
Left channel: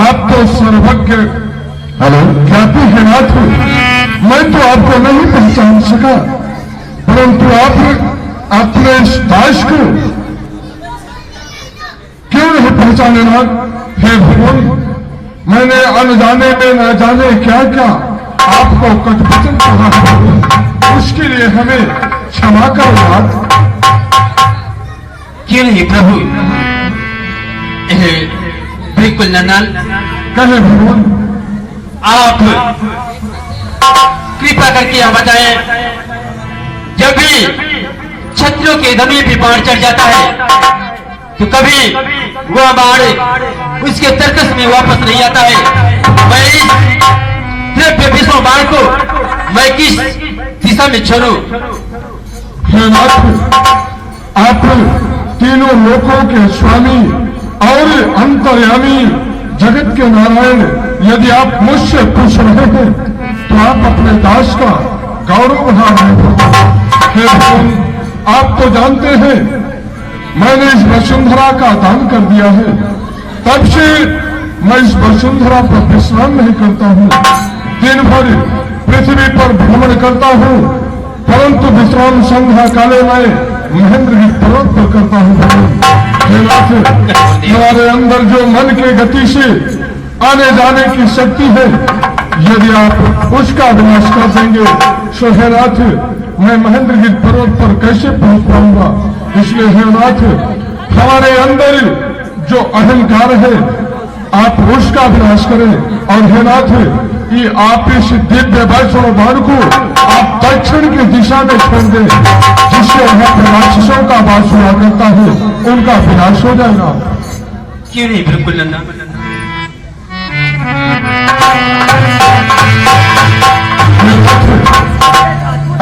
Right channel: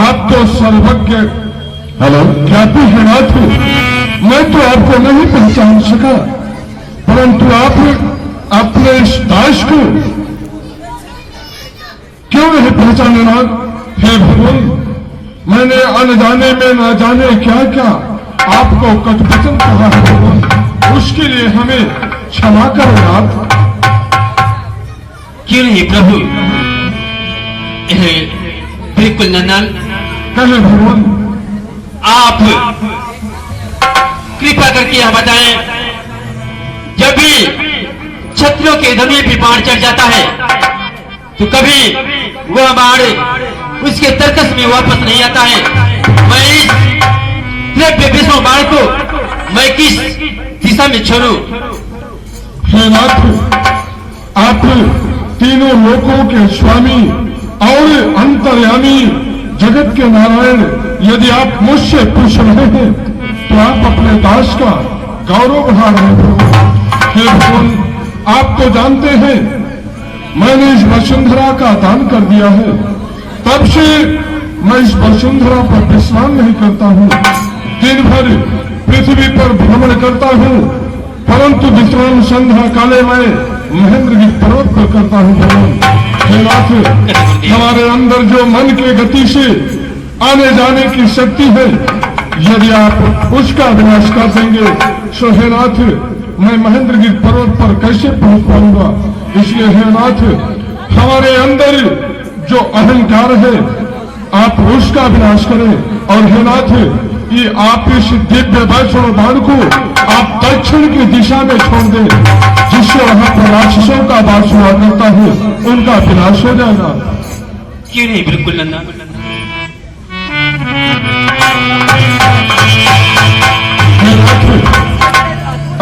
आप तो सर्वज्ञ हेलो ख्याति है नाथ, मैं तो आपको नहीं पहचान सका, परंतु आपने अपने इस दास को क्यों नहीं पहचाने नाथ? हे भगवान, मैंने अनजाने में न जाने क्या क्या आपको कटवचन कहा है, उसके लिए हमें क्षमा करो नाथ। क्यों नहीं प्रभु? बिल्कुल नंदन, कहे भगवान, आप कृपा करके यह बताएं, जब भी क्षत्रियों के दमे पे बाण चढ़ जाता है तो कभी वह बाण उसके तर्कस में वापस नहीं आता है। मैं इस द्रव्य विष्णु बाण को मैं किस दिशा में छोड़ूं? हे नाथ, आप तीनों लोकों के स्वामी और अंतर्यामी जगत के नारायण, यदि आप मुझसे पूछ रहे हैं तो आप अपने दास का गौरव बढ़ा रहे हैं। हे भगवान, आप तो जानते हैं मैंने इस वसुंधरा का दान कर दिया है, तब से मैं इस वसुंधरा पर विश्राम नहीं करता हूँ, दिन भर पृथ्वी पर भ्रमण करता हूँ, परंतु विश्राम संध्या काले में महेंद्रगिरी पर्वत पर करता हूँ। भगवान हे नाथ, हमारे अंदर जो मन के गति से आने जाने की शक्ति है, यदि आप उसका विनाश कर देंगे तो हे नाथ, मैं महेंद्रगिरी पर्वत पर कैसे पहुंच पाऊंगा? इसलिए हे नाथ, हमारे अंदर जो अहंकार है आप उसका विनाश करें, और हे नाथ, कि आप इस दिव्य वैष्णव बाण को आप दक्षिण की दिशा में छोड़ दें, जिससे वहां पर राक्षसों का वास हुआ करता है, उनका विनाश हो जाएगा। क्यों नहीं, बिल्कुल नंदा।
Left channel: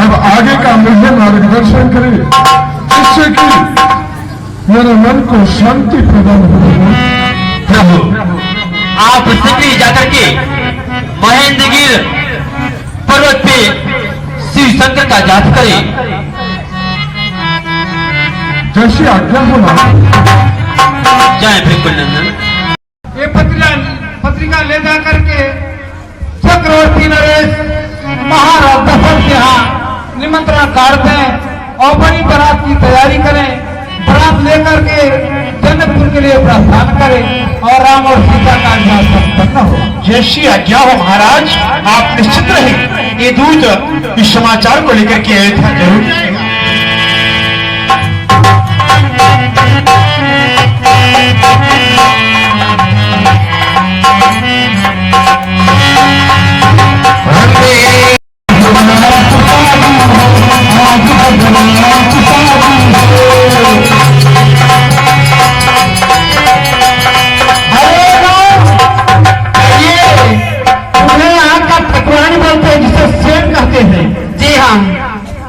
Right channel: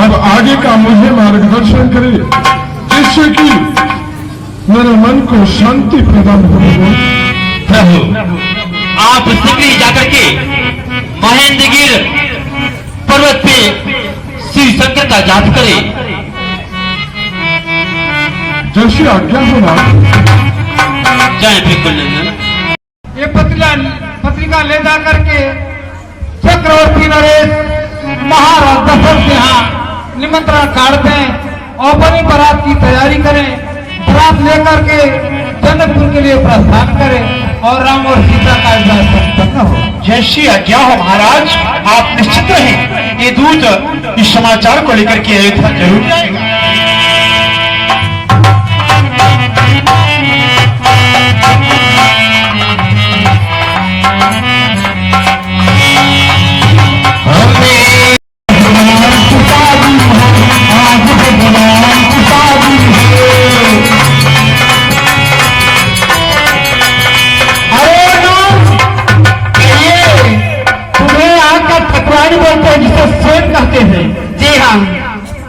अब आगे का मुझे मार्गदर्शन करें, जिससे कि मेरे मन को शांति प्रदान हो। प्रभु, आप शीघ्र जाकर के महेंद्रगिर पर्वत पे शिव शंकर का जाप करें। जैसी आज्ञा होना। जय बिल्कुल नंदन। ये पत्रिका ले जा करके चक्रवर्ती नरेश महाराज दशरथ के यहाँ निमंत्रण कार्ड दें और बड़ी बारात की तैयारी करें। बारात लेकर के जनकपुर के लिए प्रस्थान करें और राम और सीता का विवाह संपन्न हो। जैसी आज्ञा हो महाराज, आप निश्चित रहे। ये दूत इस समाचार को लेकर के अयोध्या जरूर जाएगा।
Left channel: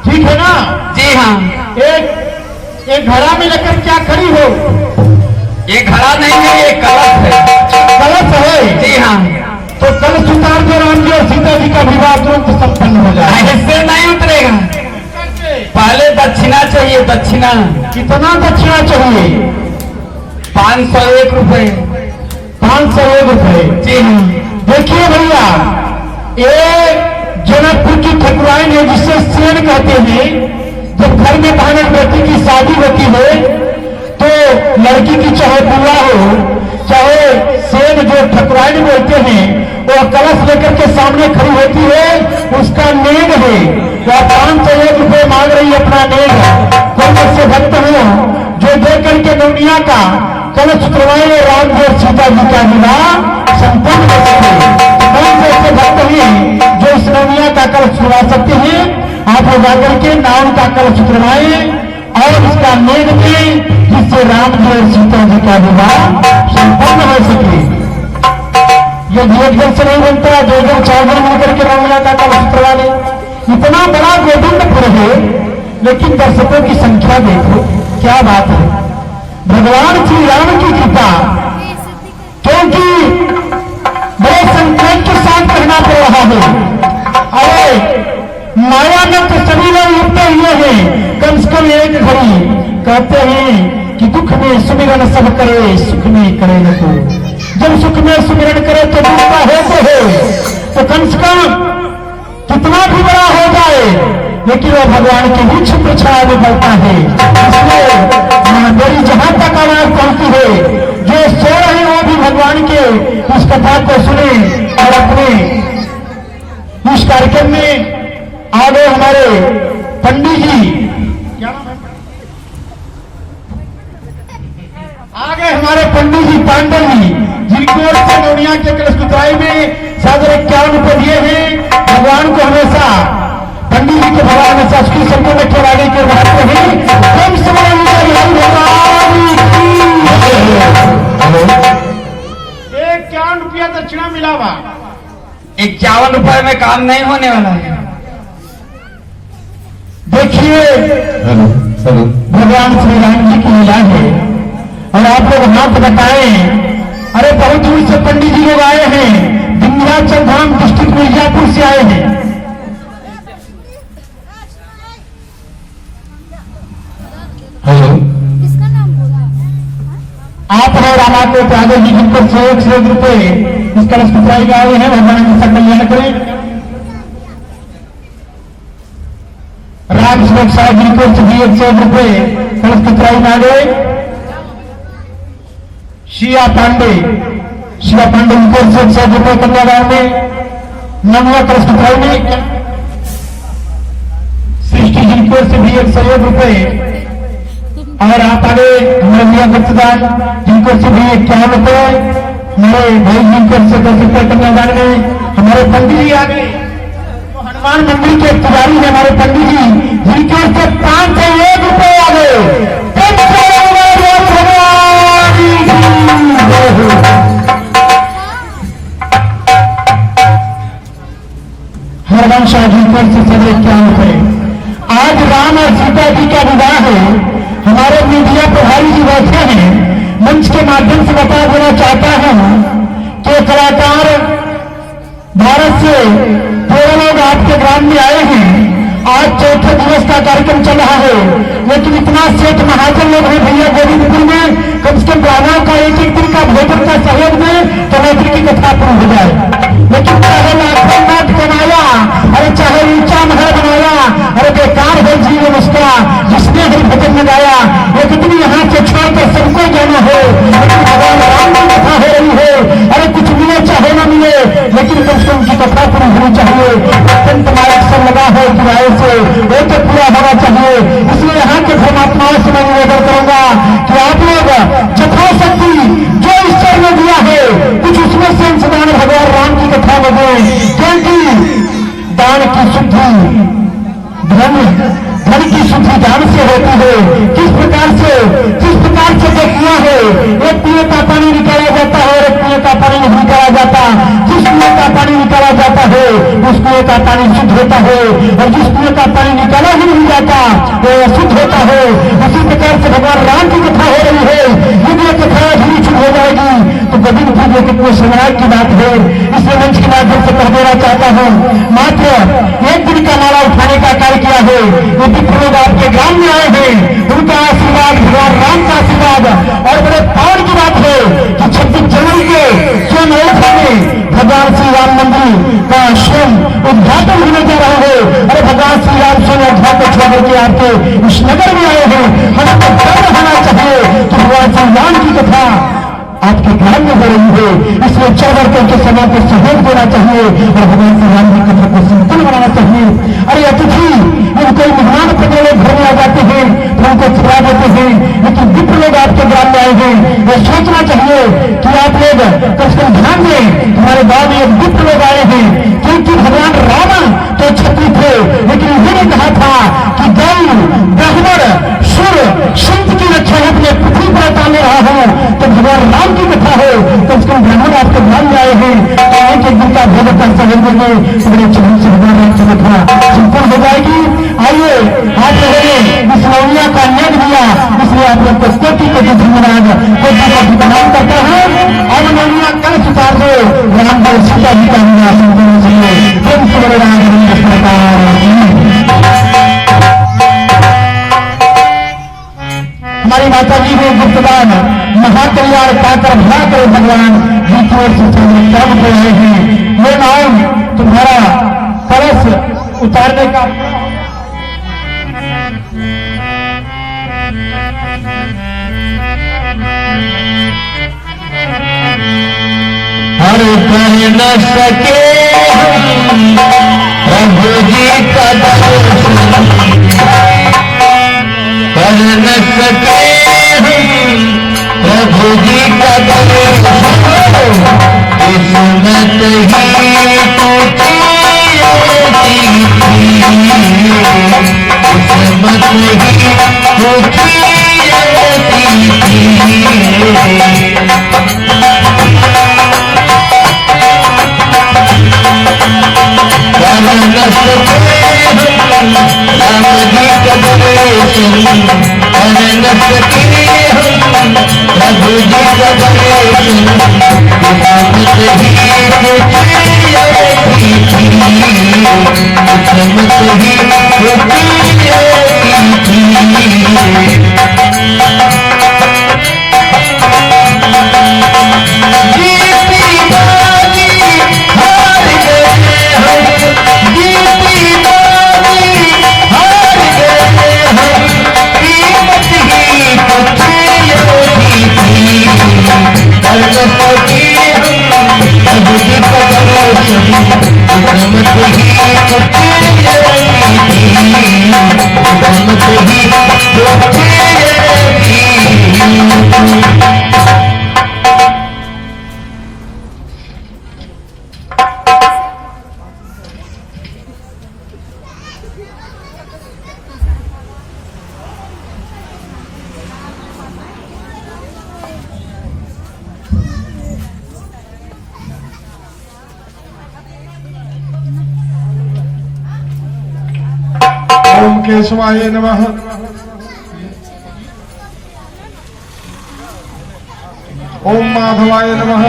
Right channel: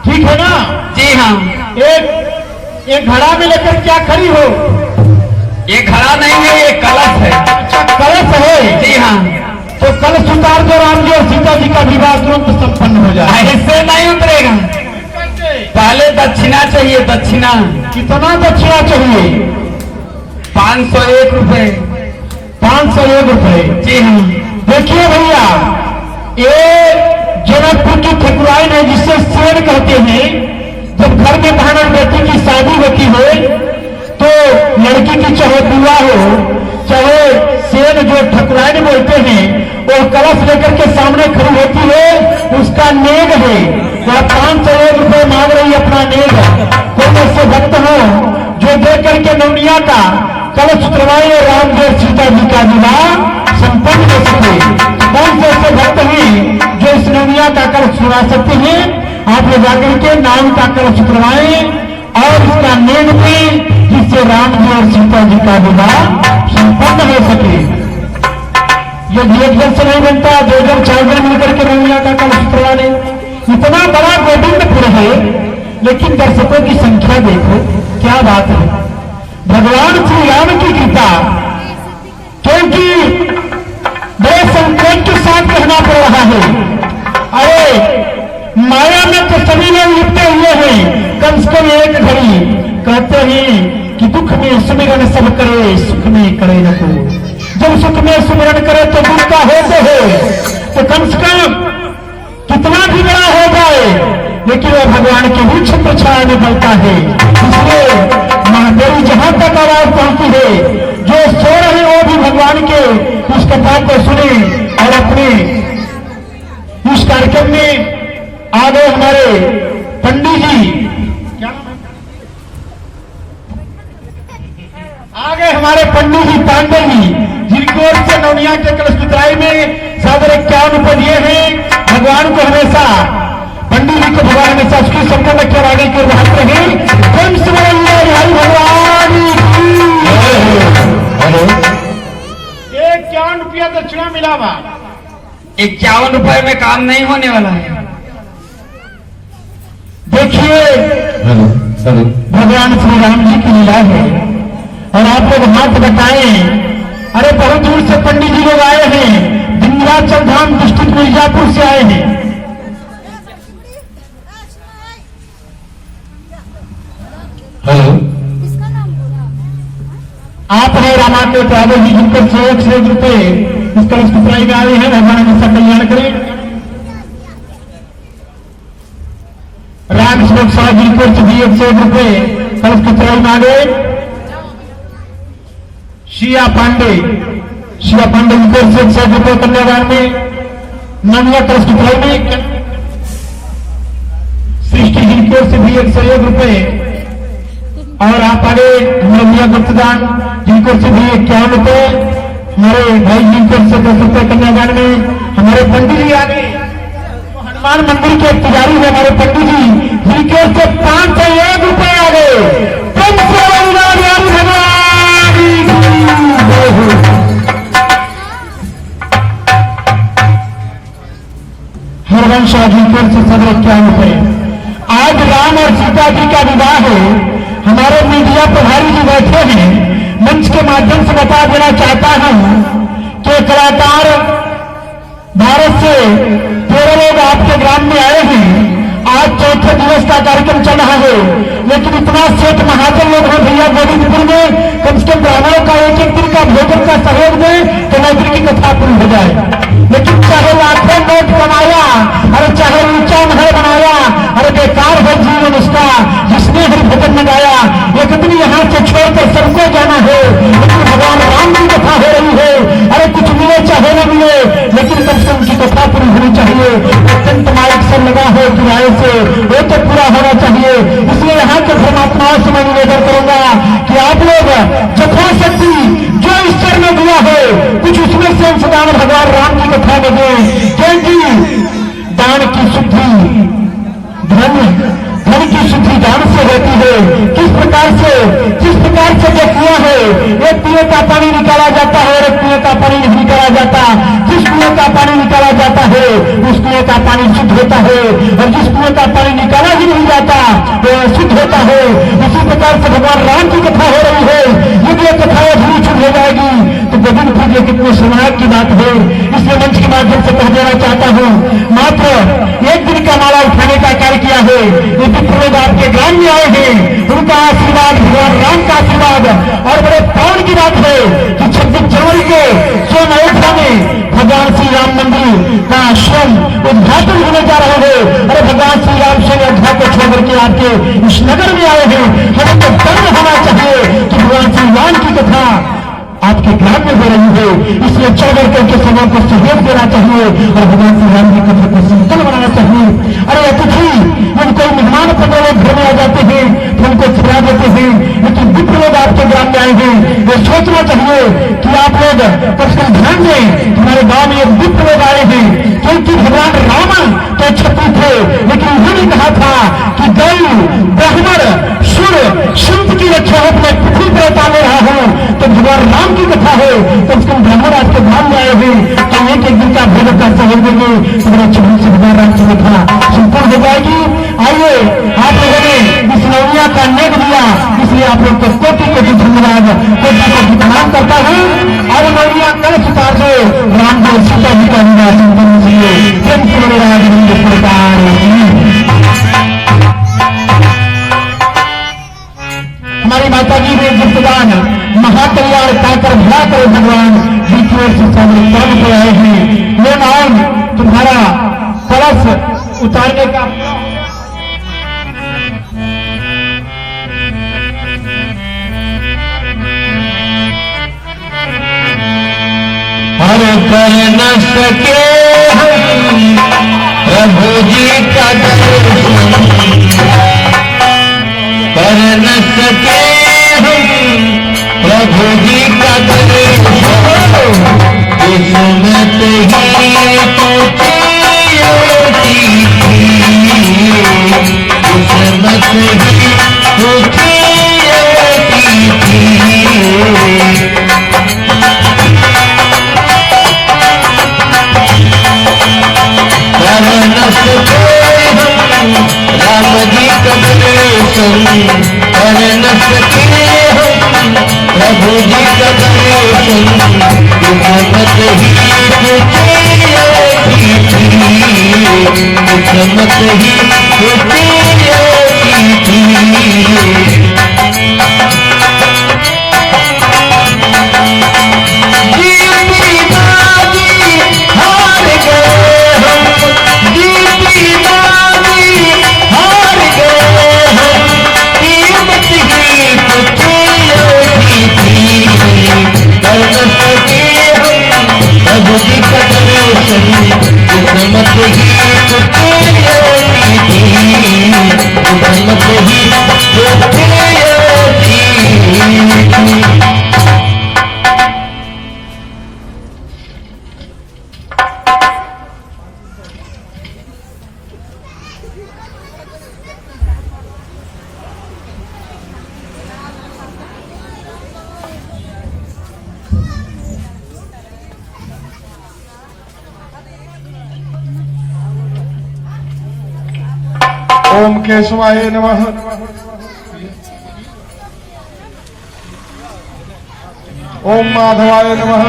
ठीक है ना? जी हाँ। एक घड़ा में लेकर क्या खड़ी हो? ये घड़ा नहीं है, ये कलश है। अच्छा, कलश है। जी हाँ। तो कलश उतार दो, राम जी और सीता जी का विवाह तुरंत संपन्न हो जाए। ऐसे नहीं उतरेगा, पहले दक्षिणा चाहिए। दक्षिणा कितना दक्षिणा चाहिए? 501 रुपए। 501 रुपए। जी हाँ। देखिए भैया, ये जनकपुर की ठकुराइन है, जिसे सेन कहते हैं। जब घर में बहन बेटी की शादी होती है तो लड़की की चाहे बुआ हो चाहे सेन, जो ठकुराइन बोलते हैं, वो कलश लेकर के सामने खड़ी होती है। उसका नेग है, वह 501 रुपए मांग रही है अपना नेग। कोई ऐसे भक्त हो जो दे करके नौनिया का कलश उतरवाए, राम जी और सीता जी का विवाह संपन्न हो सके। कौन से ऐसे भक्त हैं जो इस नौनिया का कलश उतरवा सकते हैं? आप ले जाकर के नाम का कलश उतरवाए और उसका नेग दें, जिससे राम जी और सीता जी का विवाह संपन्न हो सके। यदि एक जन से नहीं बनता, 2 जन 4 जन मिलकर के नौनिया का कलश उतरवा ले। इतना बड़ा गोविंदपुर है, लेकिन दर्शकों की संख्या देखो, क्या बात है। भगवान श्री राम की कृपा, क्योंकि बड़े संकोच के साथ कहना पड़ रहा है। अरे माया में तो सभी लोग लिपटे हुए हैं। कम से कम एक घड़ी कहते हैं कि दुख में सुमिरन सब करे, सुख में करे न को। जब सुख में सुमिरन करे तो दुख का होते हो, तो कम से कम कितना भी बड़ा हो जाए, लेकिन वह भगवान के भी छत्र छाया में पड़ता है। इसलिए महादेवी जहां तक आवाज पहुंचती है, जो सो रहे वो भी भगवान के उस कथा को सुने और अपने इस कार्यक्रम में आ गए हमारे पंडित जी। क्या नाम है? आ गए हमारे पंडित जी पांडे जी, जिनकी ओर से नौनिया के कलश उतराई में 51 रुपए दिए हैं। भगवान को हमेशा, पंडित जी को भगवान हमेशा उसकी सबको रखे आगे के रहते हैं। हम समाज भगवान हेलो 51 रुपया दक्षिणा मिला हुआ। 51 रुपए में काम नहीं होने वाला है। देखिए भगवान श्री राम जी की लीला है, और आप लोग हाथ बताएं। अरे बहुत दूर से पंडित जी लोग आए हैं, विंध्याचल धाम डिस्ट्रिक्ट मिर्जापुर से आए हैं। हेलो, आप है रामा के प्यादे जी, जिनकर 100 रुपए इस कलश पुत्राई में आए हैं। भगवान हमेशा कल्याण करें। राम सुरक्षा साहब जिनको भी 100 रुपए कलश पुत्राई में आ गए। शिया पांडे जिनको 100 रुपए कन्यादान में नववा कलश पुत्राई में। सृष्टि जिनको से भी 101 रुपए, और आप आगे हमारे मियाँ गुप्तदान जिनको से भी 51 रुपए, हमारे भाई जिनको से 10 रुपए कन्यादान में। हमारे पंडित जी आ गए, हनुमान मंदिर के पुजारी है हमारे पंडित जी, जिनके से 501 रुपए आ गए। हरवंश अधिकार से 151 रुपए। आज राम और सीता जी का विवाह है। हमारे मीडिया प्रभारी जी बैठे हैं, मंच के माध्यम से बता देना चाहता हूं कि कलाकार भारत से 13 लोग आपके ग्राम में आए हैं। आज चौथे दिवस का कार्यक्रम चल रहा है, लेकिन इतना सेठ महाजन लोग हैं भैया गोविंदपुर में, कम से कम ब्राह्मणों का एक एक दिन का भोजन का सहयोग में तो मैत्री की कथा पूरी हो जाए। लेकिन चाहे लाखों नोट कमाया, अरे चाहे ऊंचा महल बनाया, अरे बेकार है जीवन उसका जिसने हर भजन में गाया। एक दिन यहाँ से छोड़कर सबको जाना है, लेकिन भगवान राम की कथा हो रही है। अरे कुछ मिले चाहे न मिले, लेकिन कम से कम की कथा पूरी होनी चाहिए। अत्यंत मार्ग सब लगा है किराए से, वो तो पूरा होना चाहिए। इसलिए यहाँ के धर्मात्माओं से मैं निवेदन करूंगा कि आप लोग यथाशक्ति जो ईश्वर ने दिया है कुछ उसमें से अंशदान भगवान राम की कथा में दें, क्योंकि दान की शुद्धि धन की शुद्धि दान से होती है। किस प्रकार से जो कुआं है, एक कुएं का पानी निकाला जाता है और एक कुएं का पानी नहीं निकाला जाता। जिस कुएं का पानी निकाला जाता है उस कुएं का पानी शुद्ध होता है, और जिस कुएं का पानी निकाला ही नहीं जाता वो शुद्ध होता है। इसी प्रकार से भगवान राम की कथा हो रही है। यदि ये कथा अधूरी छूट हो जाएगी तो गोविंदपुर ये कितने शर्मनाक की बात है। इसलिए मंच के माध्यम से कह देना चाहता हूं, मात्र एक दिन का माला उठाने का कार्य किया है। ये विप्र लोग आपके ग्राम में आए हैं, उनका आशीर्वाद भगवान राम का आशीर्वाद। और बड़े पावन की बात है कि 26 जनवरी के स्वयं अयोध्या में भगवान श्री राम मंदिर का स्वयं उद्घाटन होने जा रहा है। अरे भगवान श्री राम स्वयं अयोध्या को छोड़ करके आपके इस नगर में आए हैं। हमें तो गर्व होना चाहिए कि भगवान श्री राम की कथा आपके ग्राम में हो रही है। इसलिए 14 के समय को सहयोग देना चाहिए और भगवान श्री राम की कथा को संपन्न बनाना चाहिए। अरे अतिथि जब कोई मेहमान अपने लोग घर में आ जाते हैं तो उनको खिला देते हैं, लेकिन विप्र लोग आपके ग्राम में आए हैं। ये सोचना चाहिए कि आप लोग कम से कम ध्यान दें, हमारे गांव में एक विप्र लोग आए हैं, क्योंकि भगवान रावण तो क्षत्रिय थे, लेकिन उन्होंने कहा था कि गौ ब्राह्मण सुर संत की रक्षा अपने पृथ्वी पर डाले रहा हूं। तो भगवान राम की कथा है, कम से कम ब्राह्मण आपके ध्यान में आए हैं तो एक एक दिन का भोजन का सहयोग देंगे तो बड़े अच्छे से भगवान राम की कथा संपूर्ण हो जाएगी। आइए आप लोगों ने इस नौनिया का नेक दिया, इसलिए आप लोग को कोटि कोटि धन्यवाद, कोटि कोटि प्रणाम करता हूं। और नौनिया कल उतार दो राम को सीता जी का निवासन करने के लिए प्रेम से बड़े राज प्रकार। हमारी माता जी ने गुप्तदान महाकल्याण पाकर भला करे भगवान जी की ओर से पद पे आए हैं। ये नाम तुम्हारा कलश उतारने का हर कर न सके हम प्रभु जी का दर्शन, कर न सके हम प्रभु जी का दर्शन। किस्मत ही टूटी होती थी, किस्मत ही टूटी होती थी। कर न सके हम राम जी का दर्शन, कर न सके हम प्रभु जी का दर्शन। किस्मत ही टूटी होती थी, किस्मत ही टूटी होती थी। प्रभु जी का दर्शन किस्मत ही टूटी होती थी, किस्मत ही टूटी होती। केशवाय नमः। ओम माधवाय नमः।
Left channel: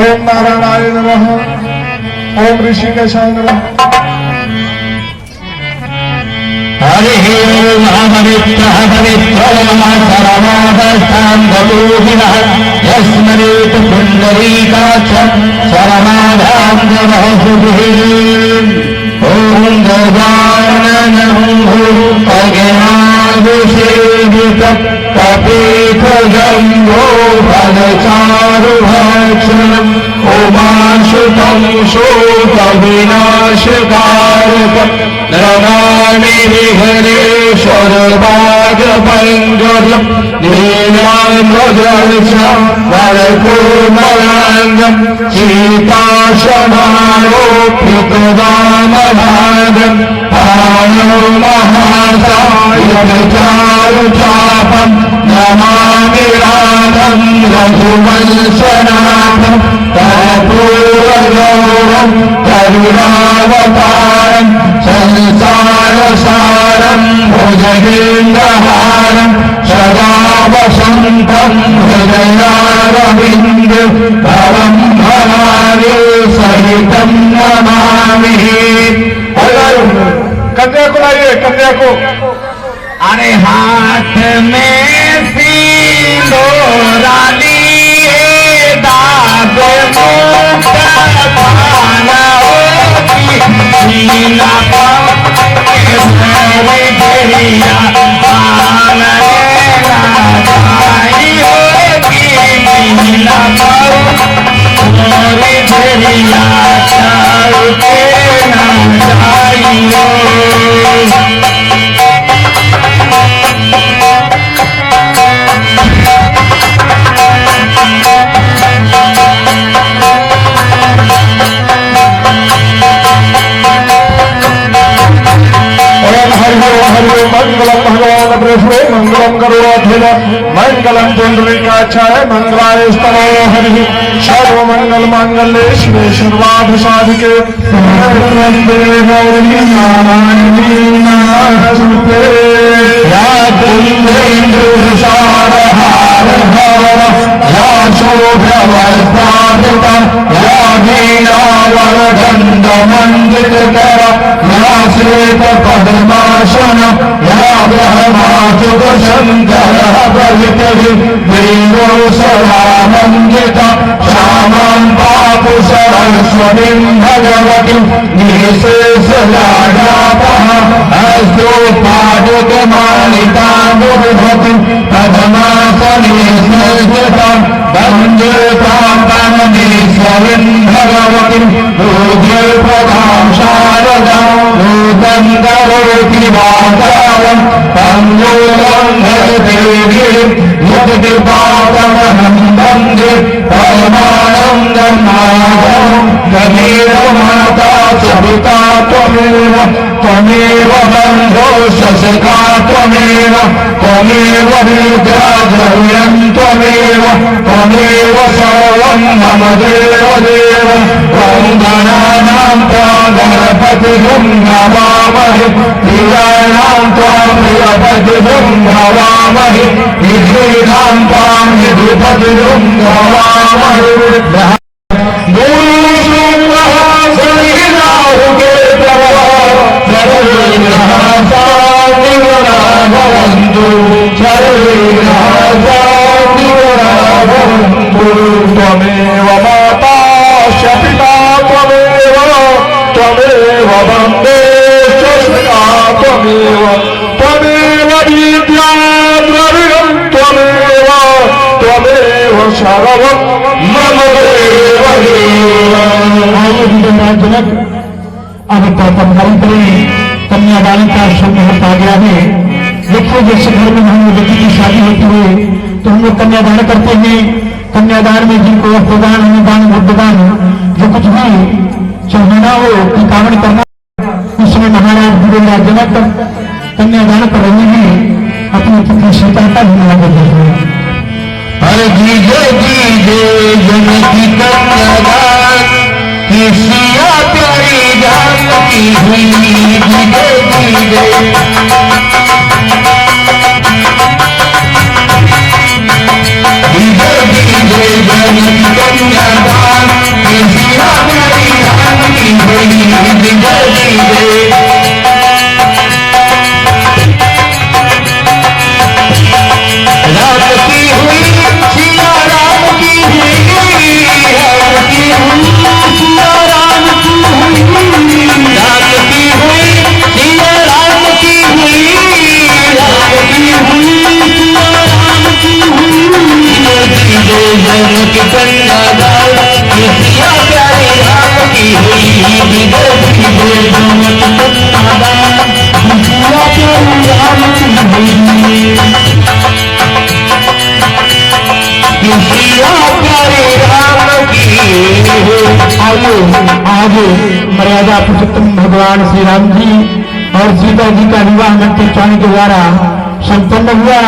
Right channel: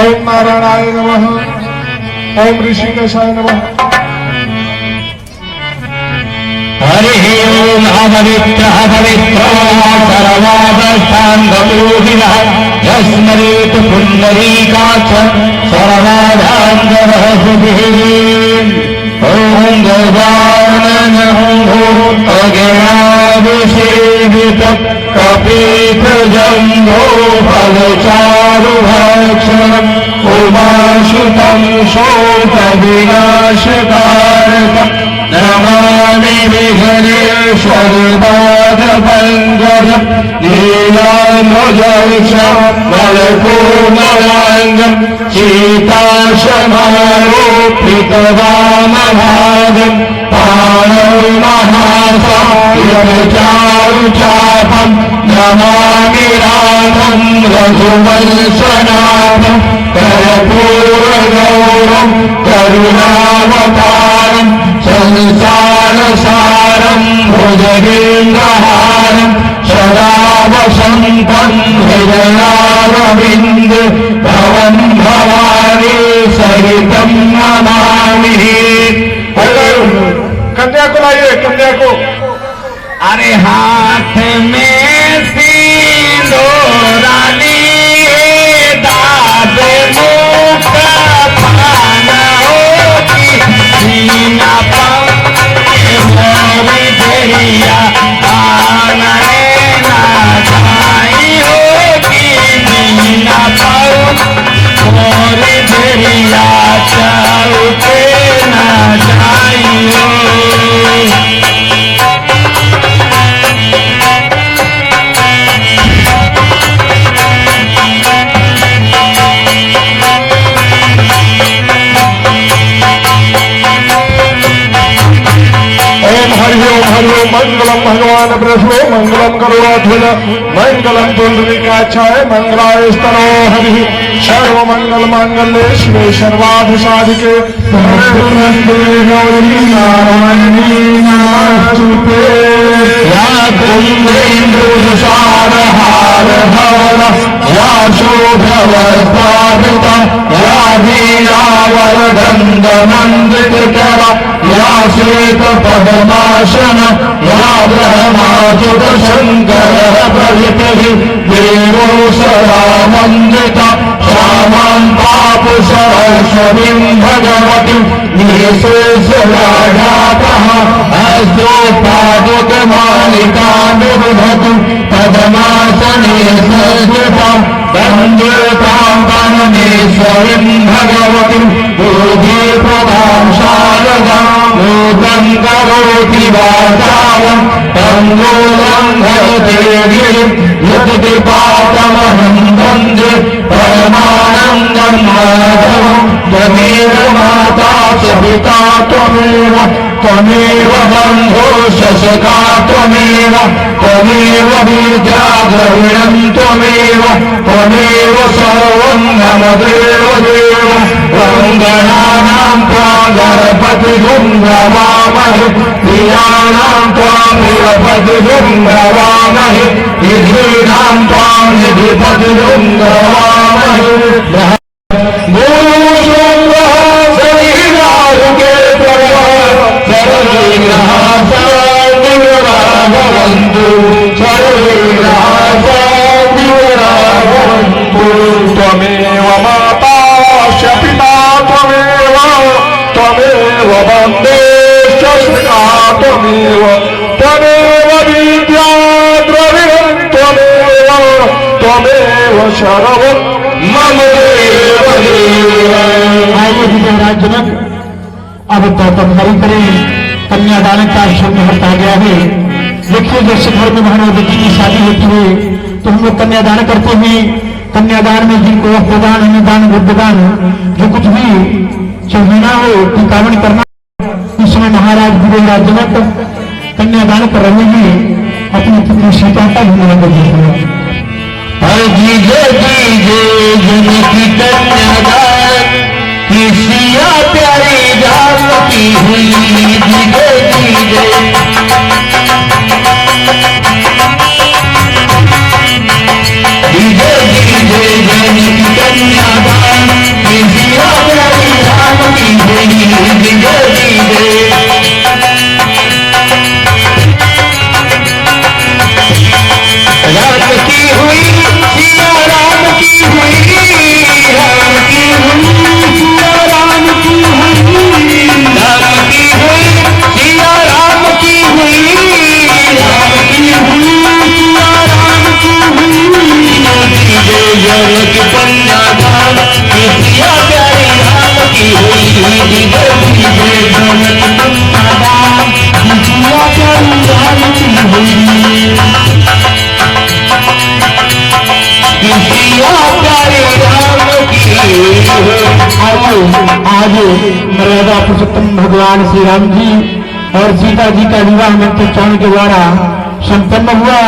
ओम नारायणाय नमः। ओम ऋषिकेशाय नमः। हरिः पवित्रः पवित्रः सर्वावस्थां गतोऽभिनः यस्मरेत् पुण्डरीकाक्ष सर्वाभाङ्गवः सुभिः। ॐ गजाननं भूतगणाभिषेवितं कपीतगन्धो फलचारुभक्षणम् उमाशुतं शोकविनाशकारकम् नमामि विघ्नेश्वरपादपङ्कजं नीलाम्बरजलशं वरपूर्णमाङ्गं सीताशमारोपितवामभागं पाणौ महासायकचारुचापं नमामि रामं रघुवंशनाथं कर्पूरगौरवं करुणावतारम् संसारसारं भुजगेन्द्रहारं सदा वसन्तं हृदयारविन्दे भवं भवानी सहितं नमामि। कन्या को लाइए, कन्या को। अरे हाथ में सिंदूरा लिए दादे मुख पाना मीना मेरी देरिया आंगने ना जाई होगी मीना मोरी देरिया चलते ना जाई हो। मंगलम भगवान विष्णु मंगलम करुणाध्वज मंगलम पुंडरीकाक्षाय मंगलाय स्तनो हरि सर्वमंगल मांगल्ये शिवे सर्वार्थ साधिके शरण्ये गौरी नारायणी नमोस्तुते। या कुंदेन्दुसारहार भवन या शोभवस्त्रावृता या वीणावरदण्डमण्डितकर या श्वेतपद्मासन या ब्रह्माच्युतशङ्करः प्रभृतिः देवो सदानन्दिता श्यामान् पापुसरस्वतीं भगवतीं निःशेषराजापः हस्तोत्पादकमालिकां बिभ्रतीं पद्मासने संस्थितां वन्दे तां परमेश्वरीं भगवतीं पूज्यप्रदां शारदां भूतं करोति वाचालं तन्मूलं भजते गिरिं यत्कृपातमहं वन्दे परमानन्दं माधवं त्वमेव माता च पिता त्वमेव त्वमेव बन्धो शशका त्वमेव त्वमेव विद्या द्रविणं त्वमेव त्वमेव सर्वं मम देव देव। वन्दनानां त्वां गणपतिं नमामहे प्रियाणां त्वां प्रियपतिं नमामहे विधीनां त्वां विधिपतिं नमामहे। त्वमेव माता च पिता त्वमेव त्वमेव वन्दे शस्ता त्वमेव त्वमेव विद्या द्रविणं त्वमेव त्वमेव सर्वं मम देव देव। जनक अब तैयारी करें, कन्यादान का शुभ मुहूर्त आ गया है। देखिए जैसे घर में बहनों बेटी की शादी होती है तो हम लोग कन्यादान करते हैं। कन्यादान में जिनको अर्थदान अनुदान बुद्धदान जो कुछ भी चढ़ाना हो टिकावन करना, उसमें महाराज गुरुराज जनक कन्यादान कर रहे हैं अपनी पुत्री सीता का धन्यवाद देते हैं। हर जीजे जीजे जनकी कन्यादान किसिया प्यारी जान की हुई धीरे धीरे धीरे धीरे जनक कन्यादान किसिया प्यारी जान की हुई धीरे धीरे राम की हुई सिया राम की हुई राम की हुई सिया राम की हुई राम की हुई सिया राम की हुई राम की हुई सिया राम की हुई जनक कन्यादान सिया प्यारे राम की हुई धीरे धीरे जनक कन्यादान सिया प्यारे राम की हुई आज मर्यादा पुरुषोत्तम भगवान श्री राम जी और सीता जी का विवाह मंत्रोच्चारण के द्वारा संपन्न हुआ।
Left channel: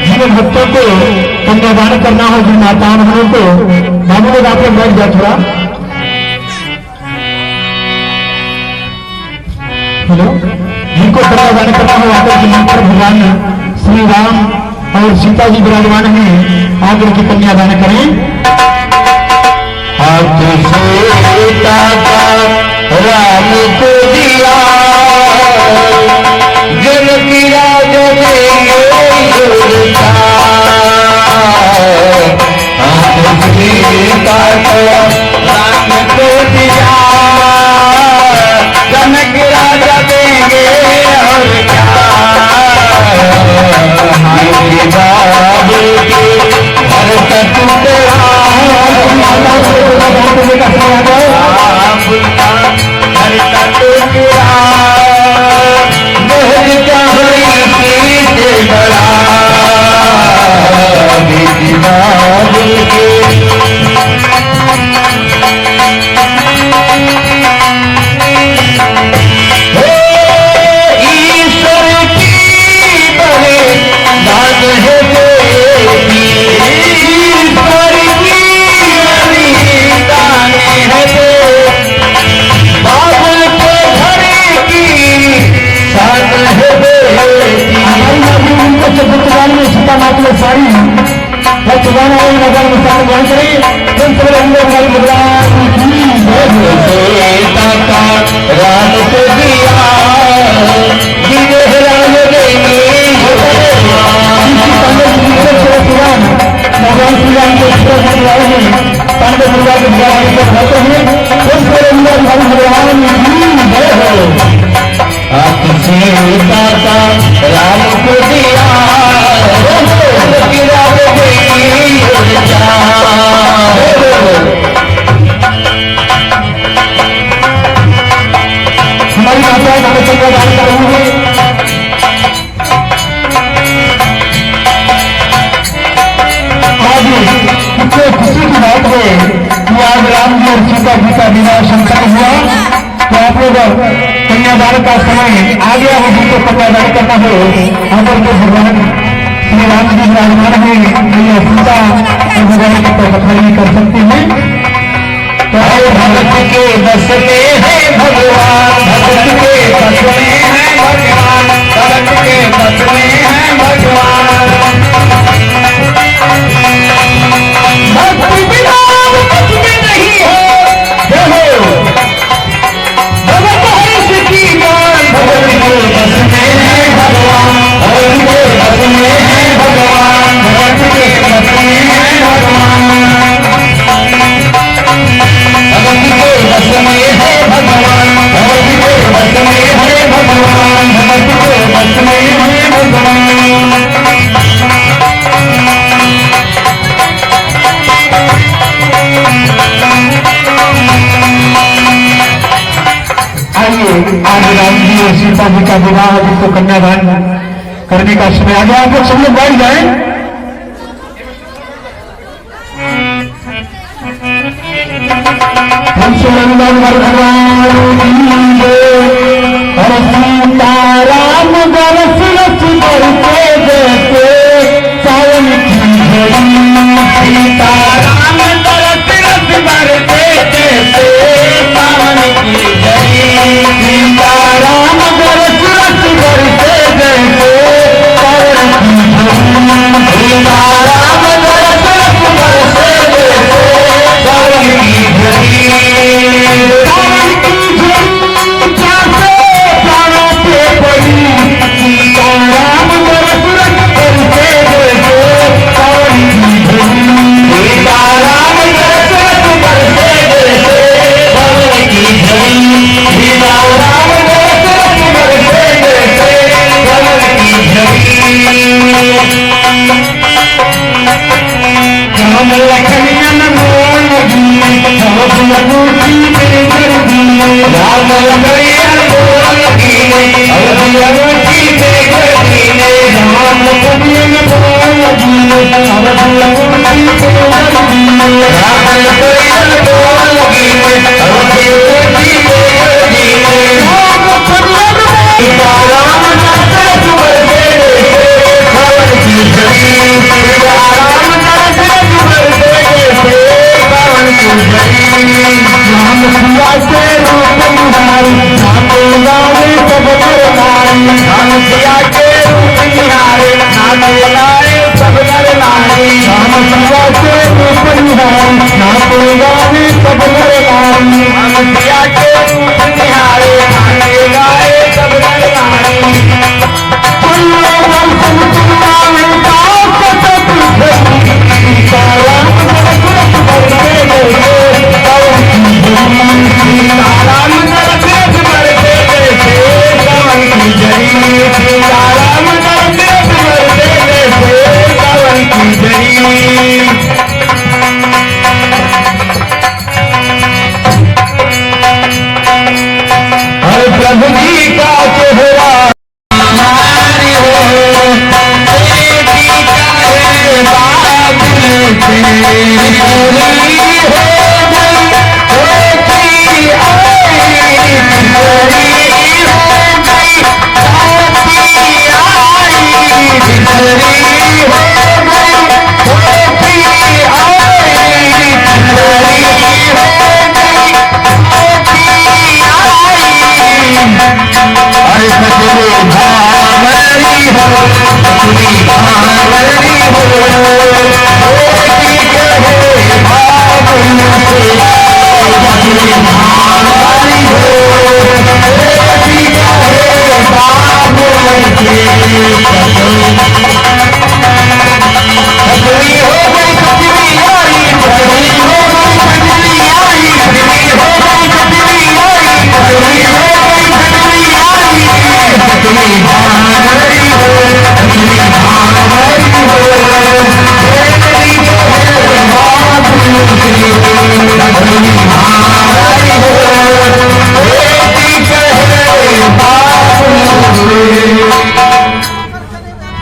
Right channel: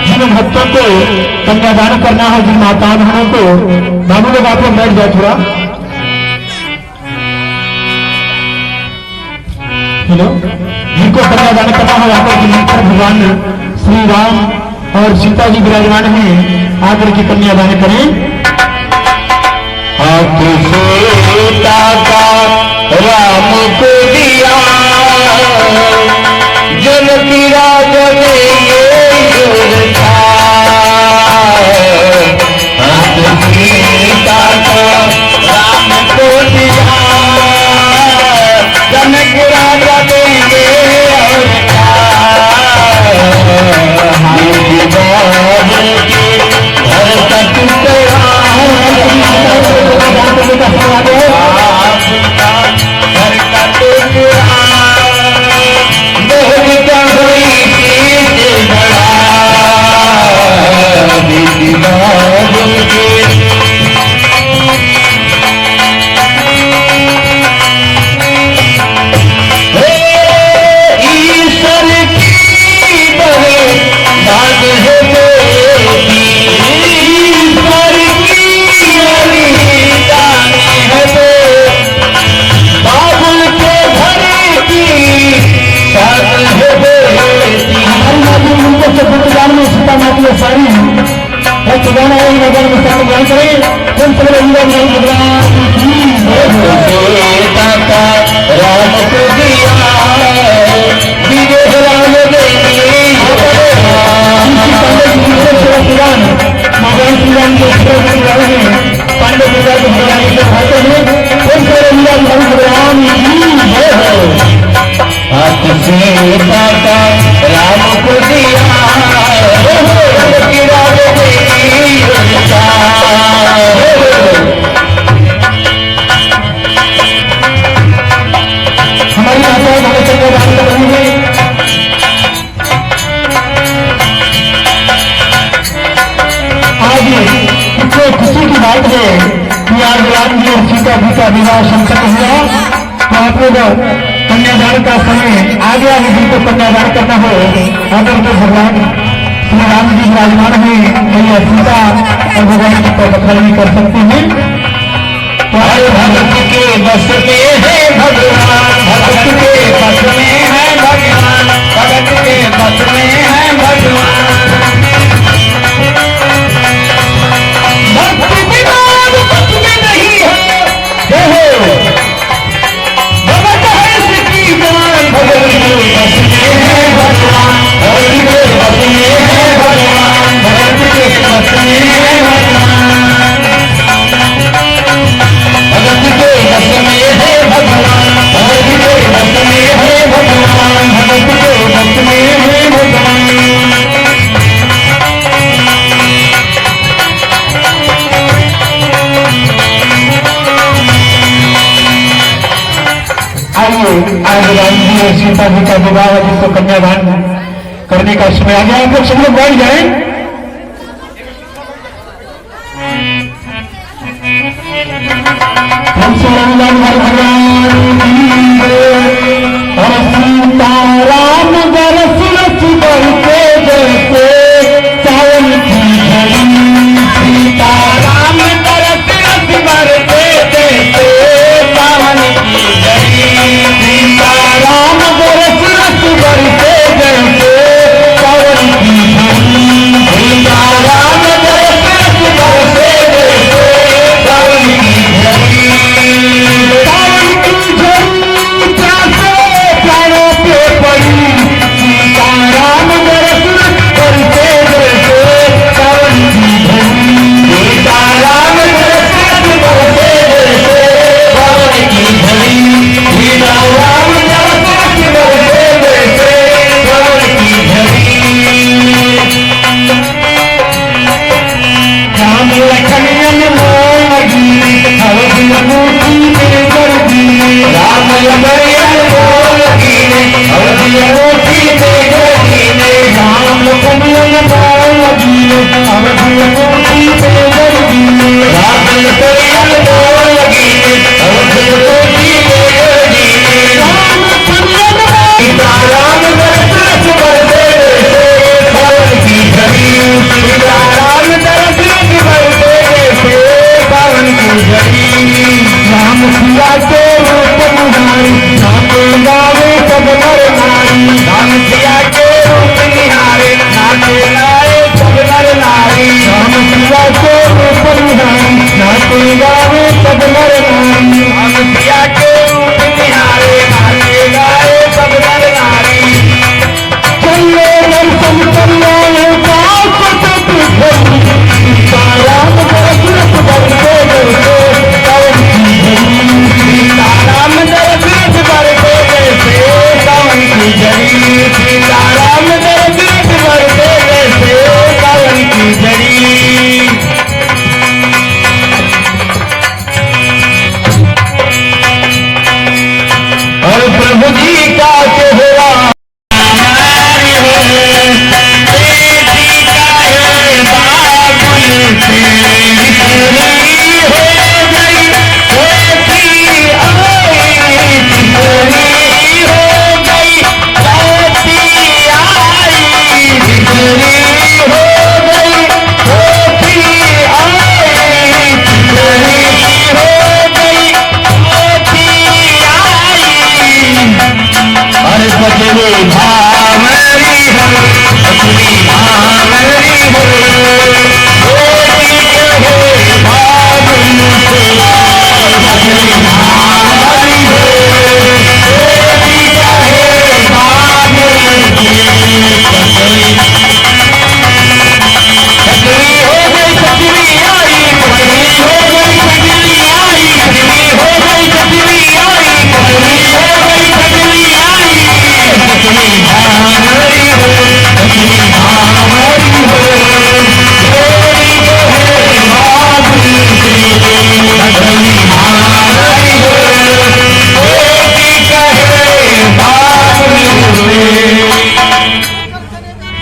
जिन भक्तों को कन्यादान करना है, जिन माता बहनों को, भाभी लोग आप लोग बैठ जाए थोड़ा। हेलो, जिनको कन्यादान करना हो आकर के मंत्र भगवान श्री राम और सीता जी विराजमान हैं, आकर के कन्यादान करें। हाथ सीता का राम को दिया जनक राज देंगे युवता। हाथ सीता का राम को दिया जनक राज देंगे राम को दिया राम देंगे भगवान श्री राम को पांडव पूजा के खाते हुए भगवान राम को दिया हमारी माता कन्यादान कर रही है। आज कितने खुशी की बात है कि आज राम जी और सीता जी का विवाह संपन्न हुआ। तो आप लोग कन्यादान का समय आ गया हो, जिनको कन्यादान करना हो आकर के भगवान श्री राम जी विराजमान है, भैया सीता और भगवान की पखड़ी कर सकते हैं। तो आए भगत के बस में है भगवान, भगत के बस में है भगवान, भगत के बस में है भगवान। भक्ति बिना भक्त में नहीं है, भगत है इसकी जान। भगत के बस में है भगवान, भगत के बस में है भगवान, भगत के बस में है भगवान। भगत के बस में है भगवान, भगत के बस में है भगवान, भगत के बस में है भगवान। आइए, आज राम जी और सीता जी का विवाह, जिनको कन्यादान करने का समय आ गया। आप लोग सब लोग बैठ जाए। और सीता राम बरस रस बरसे जैसे सावन की झड़ी। सीता राम बरस रस बरसे जैसे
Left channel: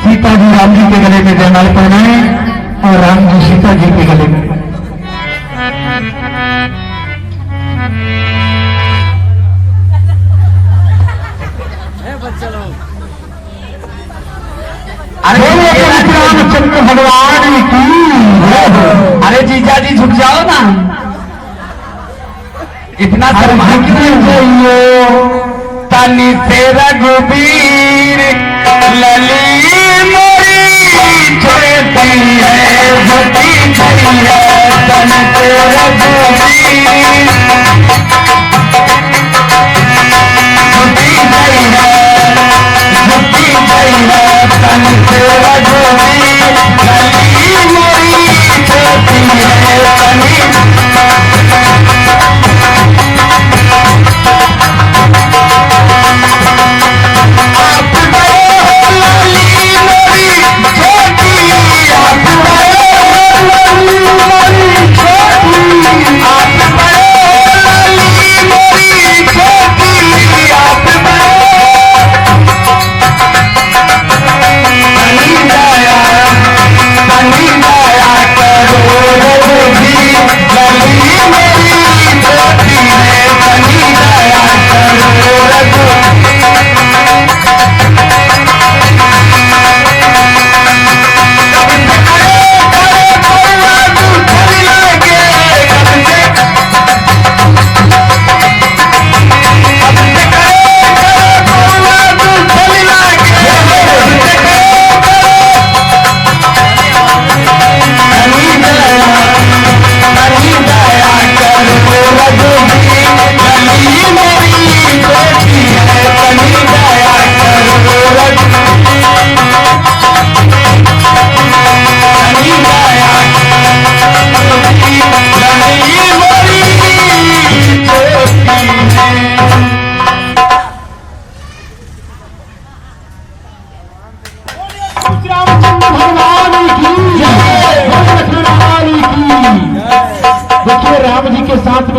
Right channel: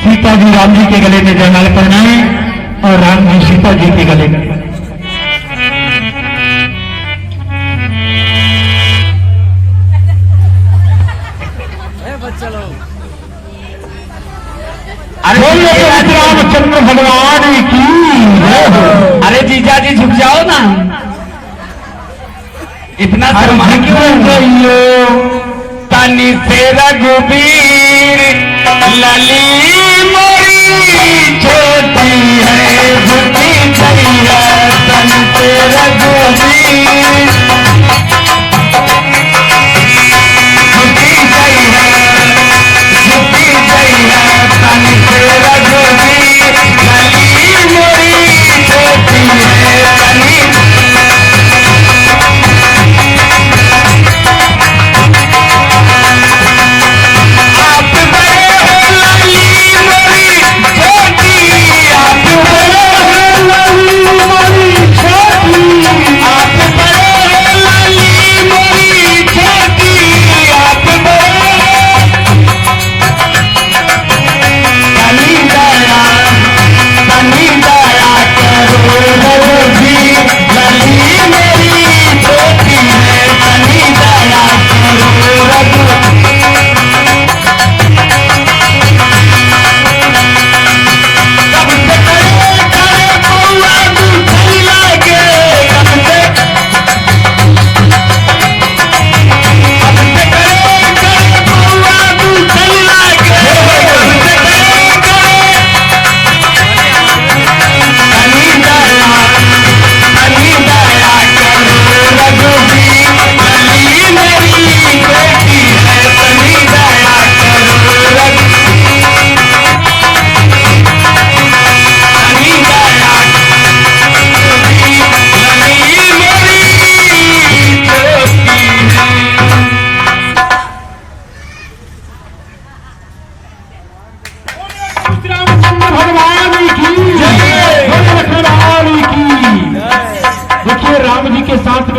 सीता जी राम जी के गले में जयमाला पहनाए और राम जी सीता जी के गले में। अरे रामचंद्र भगवान की अरे जीजा जी झुक जाओ ना, इतना शर्मा क्यों चाहिए तनी से रघुबीर लली मोरी छोटी है झुकी छैया तनी से रघुबीर झुकी छैया तनी से रघुबीर लली मोरी छोटी है तनी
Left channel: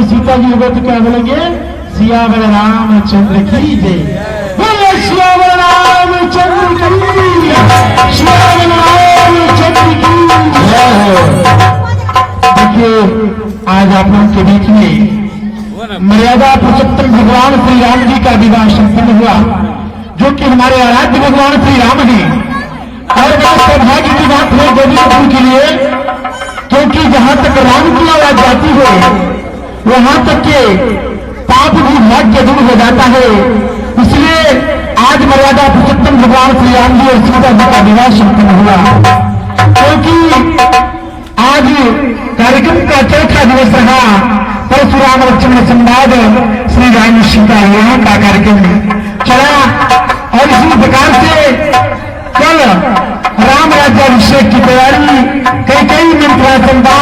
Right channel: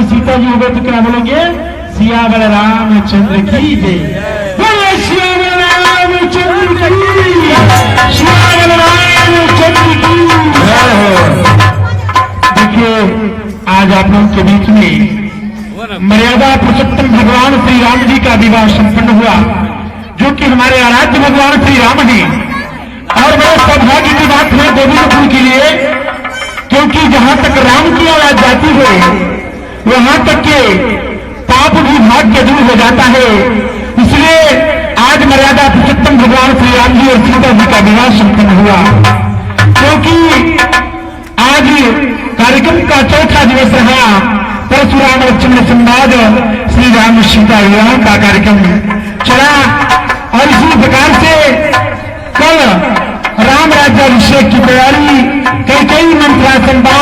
सीता जी हो गए तो क्या बोलेंगे? सियावर रामचंद्र की जय। बोले सियावर रामचंद्र की जय। आप लोगों के बीच में मर्यादा पुरुषोत्तम भगवान श्री राम जी का विवाह संपन्न हुआ, जो कि हमारे आराध्य भगवान श्री राम हैं। और बड़ा सौभाग्य की बात है गोविंदपुर के लिए, क्योंकि जहां तक राम की आवाज जाती है वहां तक के पाप भी भाग्य दूर हो जाता है। इसलिए आज मर्यादा पुरुषोत्तम भगवान श्री राम जी और सीता जी का विवाह संपन्न हुआ, क्योंकि आज कार्यक्रम का चौथा दिवस रहा। परशुराम लक्ष्मण संवाद श्री राम सीता विवाह का कार्यक्रम चला। और इसी प्रकार से कल राम राज्याभिषेक की तैयारी, कई मंत्रा संवाद